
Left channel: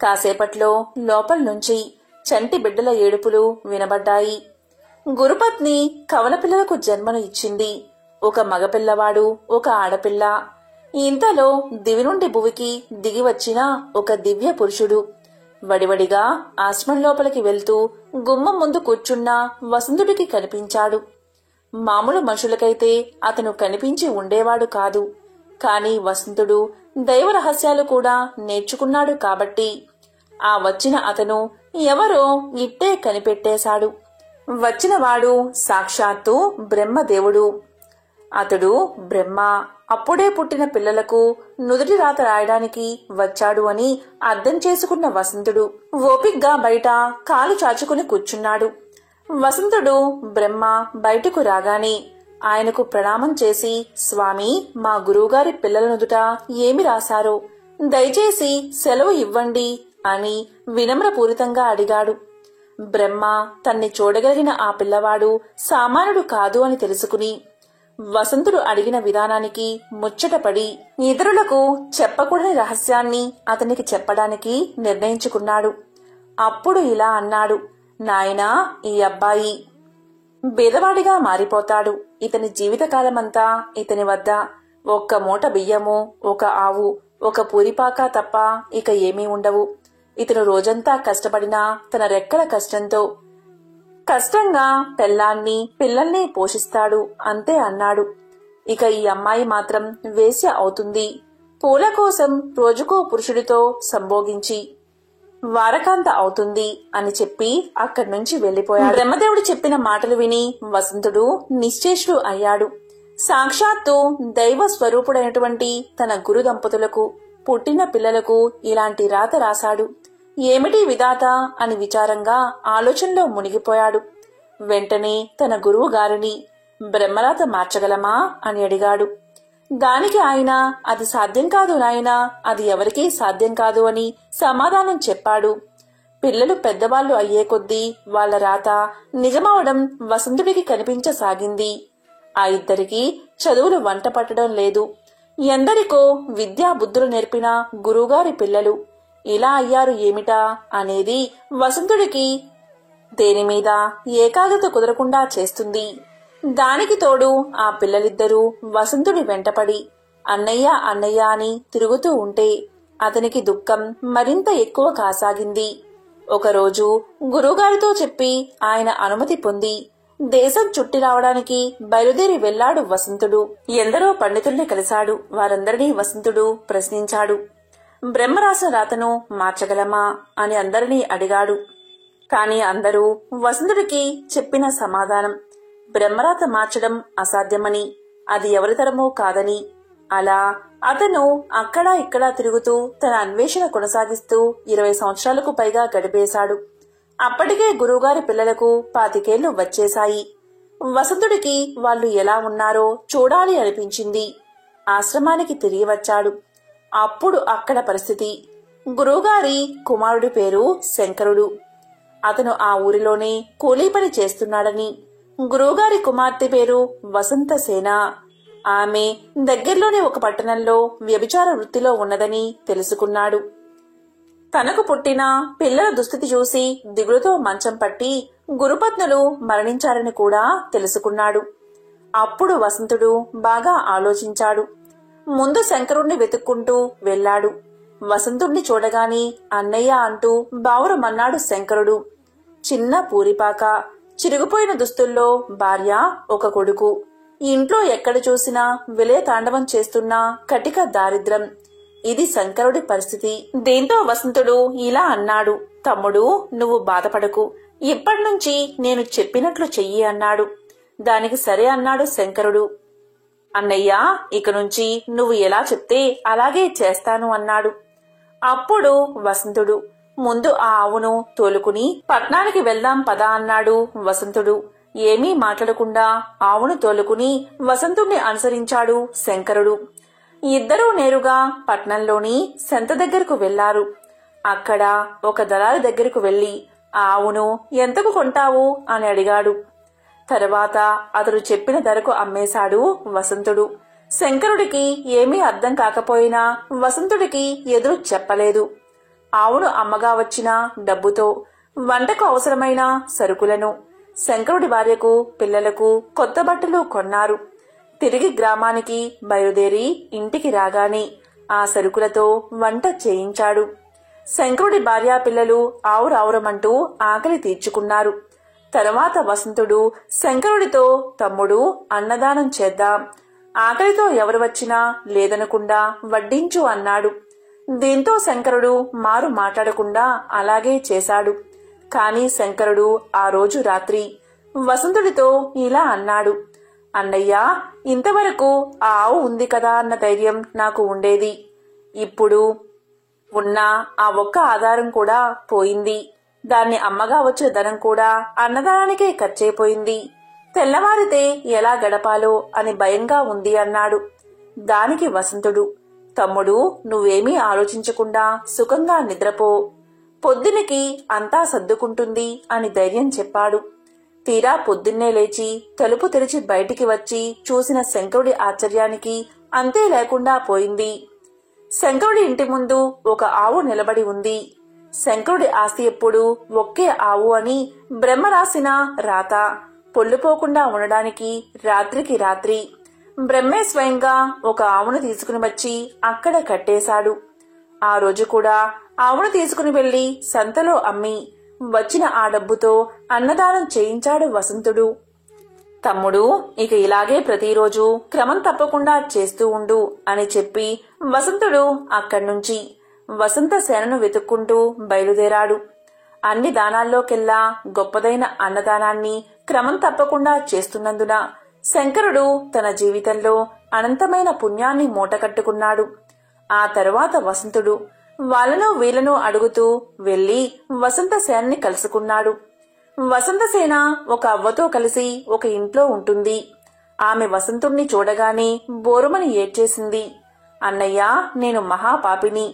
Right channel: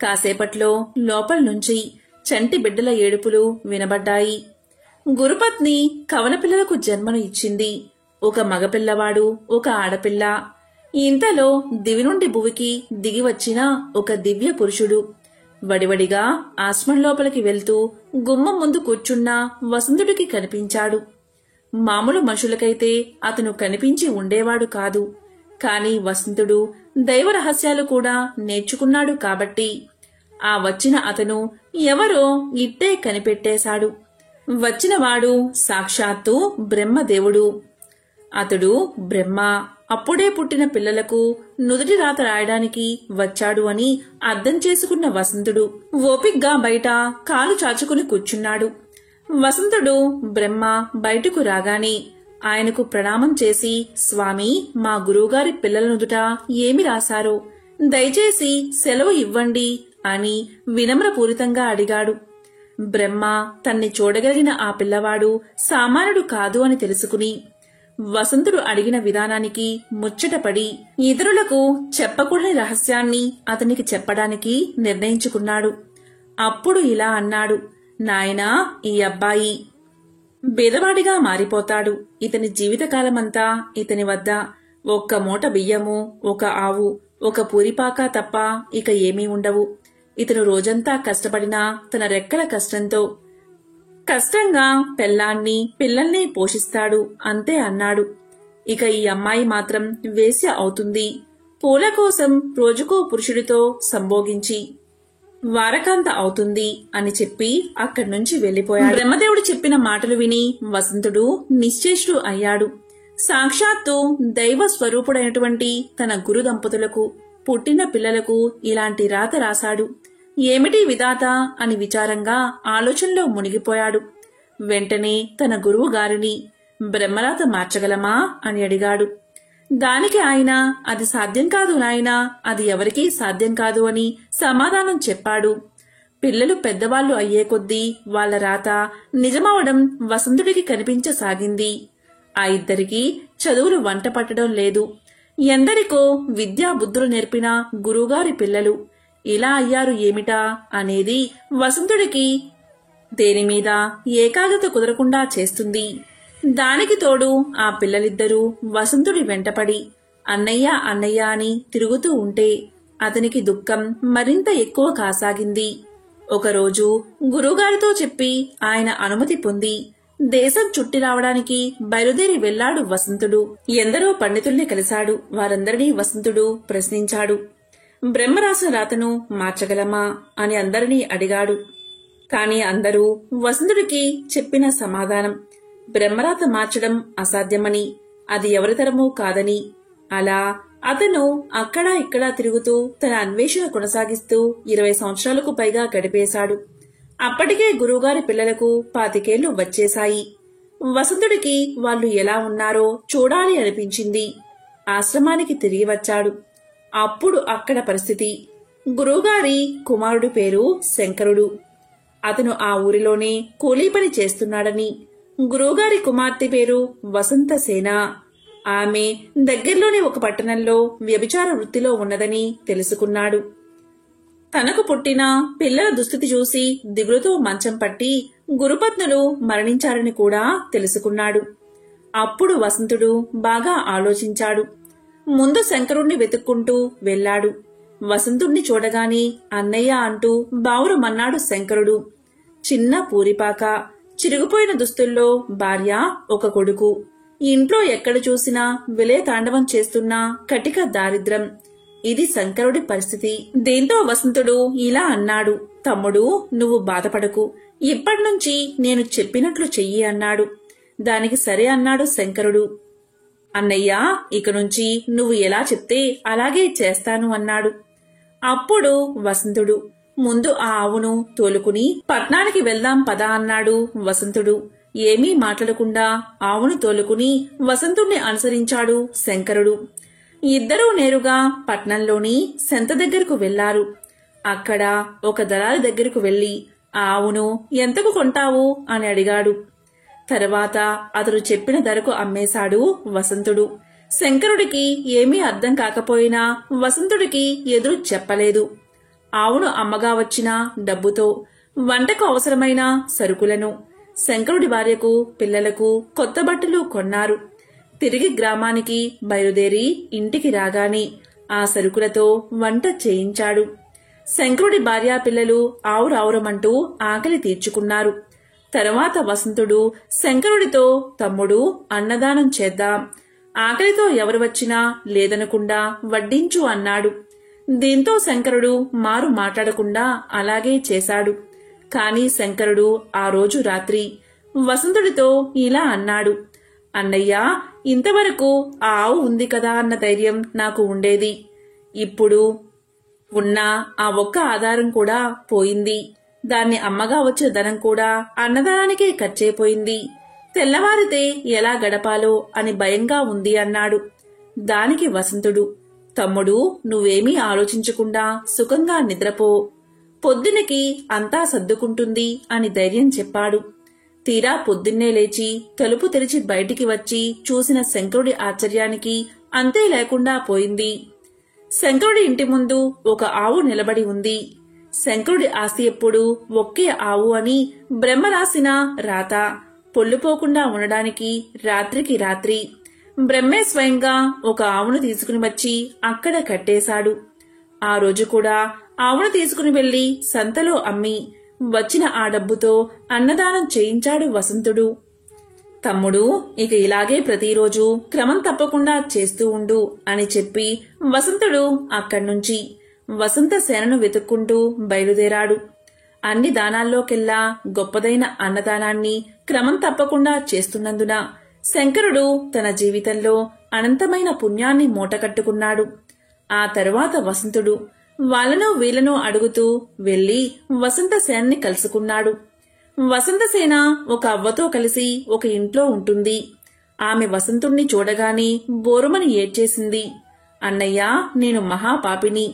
కాసేపట్లో లోపల నుంచి చంటి బిడ్డల ఏడుపులు వినబడ్డాయి. గురుపత్ని కవల పిల్లలకు జన్మను ఇచ్చింది. ఒక మగపిల్లవాడు, ఒక ఆడపిల్ల. ఇంతలో దివి నుండి భువికి దిగి వచ్చిన ఒక దివ్య పురుషుడు వడివడిగా ఆశ్రమం లోపలికి వెళ్తూ గుమ్మం ముందు కూర్చున్న వసంతుడికి కనిపించాడు. మామూలు మనుషులకైతే అతను కనిపించి ఉండేవాడు కాదు. కాని వసంతుడు దైవ రహస్యాలు కూడా నేర్చుకున్నాడు కాబట్టి ఆ వచ్చిన అతను ఎవరో ఇట్టే కనిపెట్టేశాడు. వచ్చినవాడు సాక్షాత్తు బ్రహ్మదేవుడు. అతడు బ్రహ్మ అప్పుడే పుట్టిన పిల్లలకు నుదుటి రాత రాయడానికి వచ్చాడు అని అర్థం చేసుకున్న వసంతుడు ఓపిగ్గా బయట కాలు చాచుకుని కూర్చున్నాడు. వసంతుడు బ్రహ్మ బయటకు రాగానే ఆయనకు ప్రణామం చేసి, స్వామి, మా గురువుగారి పిల్లల నుదుట ఏమి రాశారో, దయచేసి సెలవు ఇవ్వండి అని వినమ్రపూరితంగా అడిగాడు. బ్రహ్మ తన్ని చూడగలిగిన ఆ పిల్లవాడు సామాన్యుడు కాదు అని తెలుసుకుని వసంతుడు అడిగిన విధానానికి ముచ్చటపడి ఇతరులకు చెప్పకూడని రహస్యాన్ని అతనికి చెప్పడానికి నిర్ణయించుకున్నాడు. అప్పుడు ఇలా అన్నాడు, నాయనా, ఈ అబ్బాయి బీదవాడిగా మారిపోతాడు. ఇతని జీవితకాలమంతా ఇతని వద్ద ఒక్క మూట బియ్యము, ఒక ఆవు, ఒక పూరిపాక తప్ప ఇక ఏమీ ఉండవు. ఇతను రోజంతా కష్టపడినా తన రెక్కల కష్టంగా పెళ్ళాన్ని పిల్లల్ని పోషిస్తాడు అంతే అన్నాడు. ఇక ఈ అమ్మాయి మాత్రం వేశ్య అవుతుంది. పూల కోసం రోజుకో పురుషుడితో సంభోగించి వారకాంత అవుతుంది అని చెప్పి అక్కడ్నుంచి వెళ్లిపోయాడు. బ్రహ్మదేవుడు చెప్పిన మాటలు విని వసంతుడు నిశ్చేష్టుడు అయ్యాడు. సాక్షాత్తు దైవ స్వరూపుడైనటువంటి తన గురు దంపతులకు పుట్టిన పిల్లలకు ఇలాంటి రాత రాశాడు. ఏమిటి విధాత అని విచారంగా ఆలోచనలో మునిగిపోయాడు. వెంటనే తన గురువు గారిని బ్రహ్మరాత మార్చగలమా అని అడిగాడు. దానికి ఆయన, అది సాధ్యం కాదు నాయనా, అది ఎవరికీ సాధ్యం కాదు అని సమాధానం చెప్పాడు. పిల్లలు పెద్దవాళ్లు అయ్యే కొద్దీ వాళ్ల రాత నిజమవడం వసంతుడికి కనిపించసాగింది. ఆ ఇద్దరికీ చదువులు వంట పట్టడం లేదు. ఎందరికో విద్యా బుద్ధులు నేర్పిన గురువుగారి పిల్లలు ఇలా అయ్యారు ఏమిటా అనేది వసంతుడికి దేనిమీద ఏకాగ్రత కుదరకుండా చేస్తుంది. దానికి తోడు ఆ పిల్లలిద్దరూ వసంతుడి వెంటపడి అన్నయ్య అన్నయ్య అని తిరుగుతూ ఉంటే అతనికి దుఃఖం మరింత ఎక్కువ కాసాగింది. ఒకరోజు గురువుగారితో చెప్పి ఆయన అనుమతి పొంది దేశం చుట్టి రావడానికి బయలుదేరి వెళ్లాడు వసంతుడు. ఎందరో పండితుల్ని కలిశాడు. వారందరినీ వసంతుడు ప్రశ్నించాడు. బ్రహ్మరాసిన రాతను మార్చగలమా అని అందరినీ అడిగాడు. కాని అందరూ వసంతుడికి చెప్పిన సమాధానం బ్రహ్మరాత మార్చడం అసాధ్యమని, అది ఎవరితరమూ కాదని. అలా అతను అక్కడా ఇక్కడా తిరుగుతూ తన అన్వేషణ కొనసాగిస్తూ 20 సంవత్సరాలకు పైగా గడిపేశాడు. అప్పటికే గురువుగారి పిల్లలకు 25 ఏళ్లు వచ్చేశాయి. వసంతుడికి వాళ్ళు ఎలా ఉన్నారో చూడాలి అనిపించింది. ఆశ్రమానికి తిరిగి వచ్చాడు. అప్పుడు అక్కడ పరిస్థితి, గురువుగారి కుమారుడి పేరు శంకరుడు. అతను ఆ ఊరిలోనే కూలీ పని చేస్తున్నాడని, గురువుగారి కుమార్తె పేరు వసంతసేన. ఆమె దగ్గర్లోనే ఒక పట్టణంలో వ్యభిచార వృత్తిలో ఉన్నదని తెలుసుకున్నాడు. తనకు పుట్టిన పిల్లల దుస్థితి చూసి దిగులుతో మంచం పట్టి గురుపత్నులు మరణించారని కూడా తెలుసుకున్నాడు. అప్పుడు వసంతుడు బాగా ఆలోచించాడు. ముందు శంకరుణ్ణి వెతుక్కుంటూ వెళ్లాడు. వసంతుణ్ణి చూడగాని అన్నయ్య అంటూ బావురమన్నాడు శంకరుడు. చిన్న పూరిపాక, చిరిగిపోయిన దుస్తుల్లో భార్య, ఒక కొడుకు. ఇంట్లో ఎక్కడ చూసినా విలయ తాండవం చేస్తున్న కటిక దారిద్ర్యం. ఇది శంకరుడి పరిస్థితి. దీంతో వసంతుడు ఇలా అన్నాడు, తమ్ముడు, నువ్వు బాధపడకు, ఇప్పటినుంచి నేను చెప్పినట్లు చెయ్యి అన్నాడు. దానికి సరే అన్నాడు శంకరుడు. అన్నయ్య, ఇక నుంచి నువ్వు ఎలా చెప్తే అలాగే చేస్తాను అన్నాడు. అప్పుడు వసంతుడు, ముందు ఆ ఆవును తోలుకుని పట్నానికి వెళ్దాం పదా అన్నాడు వసంతుడు. ఏమీ మాట్లాడకుండా ఆవును తోలుకుని వసంతుణ్ణి అనుసరించాడు శంకరుడు. ఇద్దరూ నేరుగా పట్నంలోని సెంత దగ్గరకు వెళ్లారు. అక్కడ ఒక దళారి దగ్గరకు వెళ్లి ఆవును ఎంతకు కొంటావు అని అడిగాడు. తర్వాత అతడు చెప్పిన ధరకు అమ్మేశాడు వసంతుడు. శంకరుడికి ఏమీ అర్థం కాకపోయినా వసంతుడికి ఎదురు చెప్పలేదు. ఆవును అమ్మగా వచ్చిన డబ్బుతో వంటకు అవసరమైన సరుకులను, శంకరుడి భార్యకు పిల్లలకు కొత్త బట్టలు కొన్నారు. తిరిగి గ్రామానికి బయలుదేరి ఇంటికి రాగానే ఆ సరుకులతో వంట చేయించాడు. శంకరుడి భార్యా పిల్లలు ఆవురావురమంటూ ఆకలి తీర్చుకున్నారు. తర్వాత వసంతుడు శంకరుడితో, తమ్ముడు, అన్నదానం చేద్దాం, ఆకలితో ఎవరు వచ్చినా లేదనకుండా వడ్డించు అన్నాడు. దీంతో శంకరుడు మారు మాట్లాడకుండా అలాగే చేశాడు. కాని శంకరుడు ఆ రోజు రాత్రి వసంతుడితో ఇలా అన్నాడు, అన్నయ్య, ఇంతవరకు ఆ ఆవు ఉంది కదా అన్న ధైర్యం నాకు ఉండేది. ఇప్పుడు ఉన్న ఆ ఒక్క ఆధారం కూడా పోయింది. దాన్ని అమ్మగా వచ్చిన ధనం కూడా అన్నదానానికే ఖర్చయిపోయింది. తెల్లవారితే ఎలా గడపాలో అని భయంగా ఉంది అన్నాడు. దానికి వసంతుడు, తమ్ముడు, నువ్వేమీ ఆలోచించకుండా సుఖంగా నిద్రపో, పొద్దునకి అంతా సర్దుకుంటుంది అని ధైర్యం చెప్పాడు. తీరా పొద్దున్నే లేచి తలుపు తెరిచి బయటికి వచ్చి చూసిన శంకరుడి ఆశ్చర్యానికి అంతే లేకుండా పోయింది. శంకరుడి ఇంటి ముందు ఒక ఆవు నిలబడి ఉంది. శంకరుడి ఆస్తి ఎప్పుడు ఒకే ఆవు అని బ్రహ్మ రాసిన రాత పొల్లుపోకుండా ఉండడానికి రాత్రికి రాత్రి బ్రహ్మే స్వయంగా ఒక ఆవును తీసుకుని వచ్చి అక్కడ కట్టేశాడు. ఆ రోజు కూడా ఆవును తీసుకుని వెళ్లి సంతలో అమ్మి వచ్చిన ఆ డబ్బుతో అన్నదానం చేయించాడు వసంతుడు. తమ్ముడు, ఇక ఇలాగే ప్రతిరోజు క్రమం తప్పకుండా చేస్తూ ఉండు అని చెప్పి వసంతుడు అక్కడ్నుంచి వసంత సేనను వెతుక్కుంటూ బయలుదేరాడు. అన్ని దానాల్లోకెల్లా గొప్పదైన అన్నదానాన్ని క్రమం తప్పకుండా చేస్తున్నందున శంకరుడు తన జీవితంలో అనంతమైన పుణ్యాన్ని మూటకట్టుకున్నాడు. ఆ తరువాత వసంతుడు వాళ్ళను వీళ్లను అడుగుతూ వెళ్లి వసంత సేనని కలుసుకున్నాడు. వసంతసేన ఒక అవ్వతో కలిసి ఒక ఇంట్లో ఉంటుంది. ఆమె వసంతుణ్ణి చూడగానే బోరుమని ఏడ్చేసింది. అన్నయ్యా, నేను మహాపాపిని.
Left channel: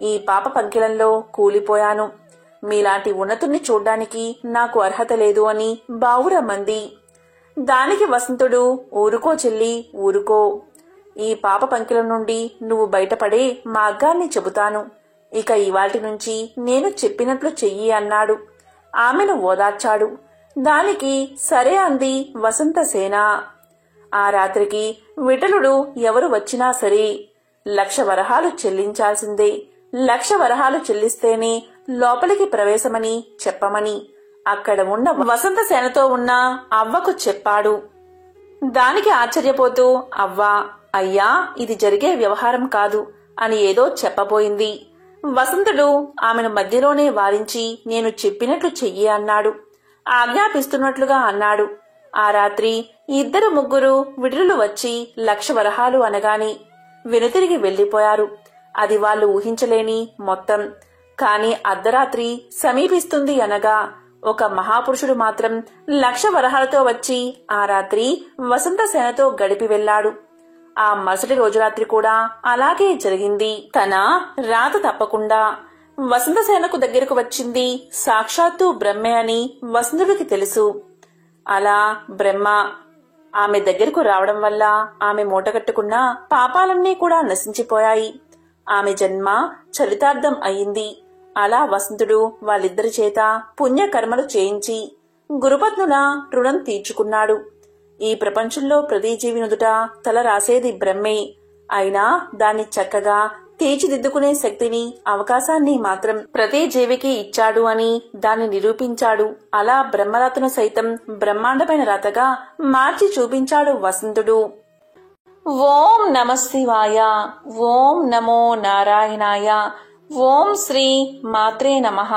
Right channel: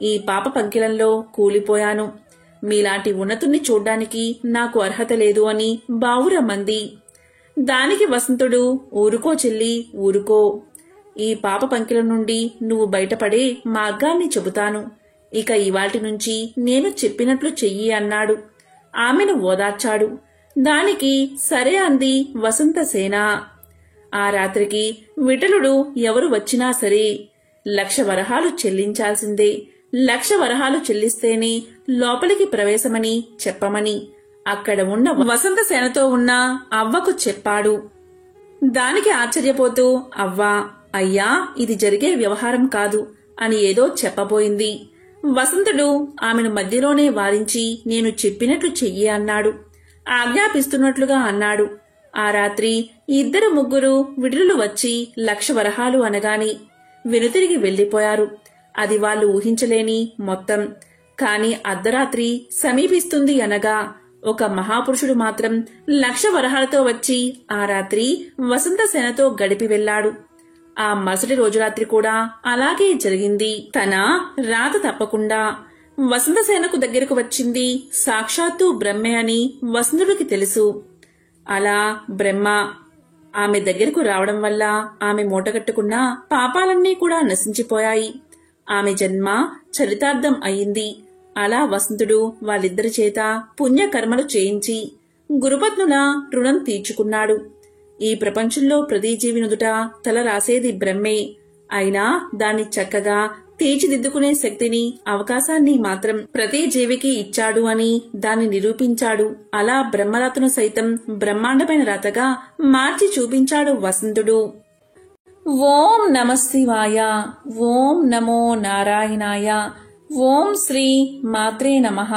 ఈ పాప పంకిలంలో కూలిపోయాను. మీలాంటి ఉన్నతుణ్ణి చూడ్డానికి నాకు అర్హత లేదు అని బావురమ్మంది. దానికి వసంతుడు, ఊరుకో చెల్లి, ఊరుకో. ఈ పాప పంకిలం నుండి నువ్వు బయటపడే మార్గాన్ని చెబుతాను. ఇక ఇవాల్టి నుంచి నేను చెప్పినట్లు చెయ్యి అన్నాడు. ఆమెను ఓదార్చాడు. దానికి సరే అంది వసంతసేన. ఆ రాత్రికి విఠలుడు ఎవరు వచ్చినా సరే 1,00,000 వరహాలు చెల్లించాల్సిందే. 1,00,000 వరహాలు చెల్లిస్తేనే లోపలికి ప్రవేశమని చెప్పమని అక్కడ ఉన్న వసంతసేనతో ఉన్న అవ్వకు చెప్పాడు. దానికి ఆశ్చర్యపోతూ అవ్వా, అయ్యా, ఇది జరిగే వ్యవహారం కాదు అని ఏదో చెప్పబోయింది. వసంతుడు ఆమెను మధ్యలోనే వారించి నేను చెప్పినట్లు చెయ్యి అన్నాడు. ఆజ్ఞాపిస్తున్నట్లుగా అన్నాడు. ఆ రాత్రి 2-3 విడుదలు వచ్చి 1,00,000 వరహాలు అనగాని వెనుతిరిగి వెళ్లిపోయారు. అది వాళ్ళు ఊహించలేని మొత్తం. కాని అర్ధరాత్రి సమీపిస్తుంది అనగా ఒక మహాపురుషుడు మాత్రం 1,00,000 వరహాలతో వచ్చి ఆ రాత్రి వసంతసేనతో గడిపి వెళ్లాడు. ఆ మరుసటి రోజు రాత్రి కూడా అలాగే జరిగింది. తన రాత తప్పకుండా వసంతసేనకు దగ్గరకు వచ్చింది సాక్షాత్తు బ్రహ్మే అని వసంతుడికి తెలుసు. అలా బ్రహ్మ ఆమె దగ్గరకు రావడం వల్ల ఆమె మూటగట్టుకున్న పాపాలన్నీ కూడా నశించిపోయాయి. ఆమె జన్మ చరితార్థం అయింది. అలా వసంతుడు వాళ్ళిద్దరి చేత పుణ్యకర్మలు చేయించి గురుపత్నుల రుణం తీర్చుకున్నాడు. ఈ ప్రపంచంలో ప్రతి జీవి నుదుట తల రాసేది బ్రహ్మే. అయినా దాన్ని చక్కగా తీర్చిదిద్దుకునే శక్తిని, అవకాశాన్ని మాత్రం ప్రతి జీవికి ఇచ్చాడు అని దాన్ని నిరూపించాడు. అలా బ్రహ్మరాతను సైతం బ్రహ్మాండమైన రాతగా మార్చి చూపించాడు వసంతుడు. ఓం నమఃశివాయ. ఓం నమో నారాయణాయ. ఓం శ్రీ మాత్రే నమః.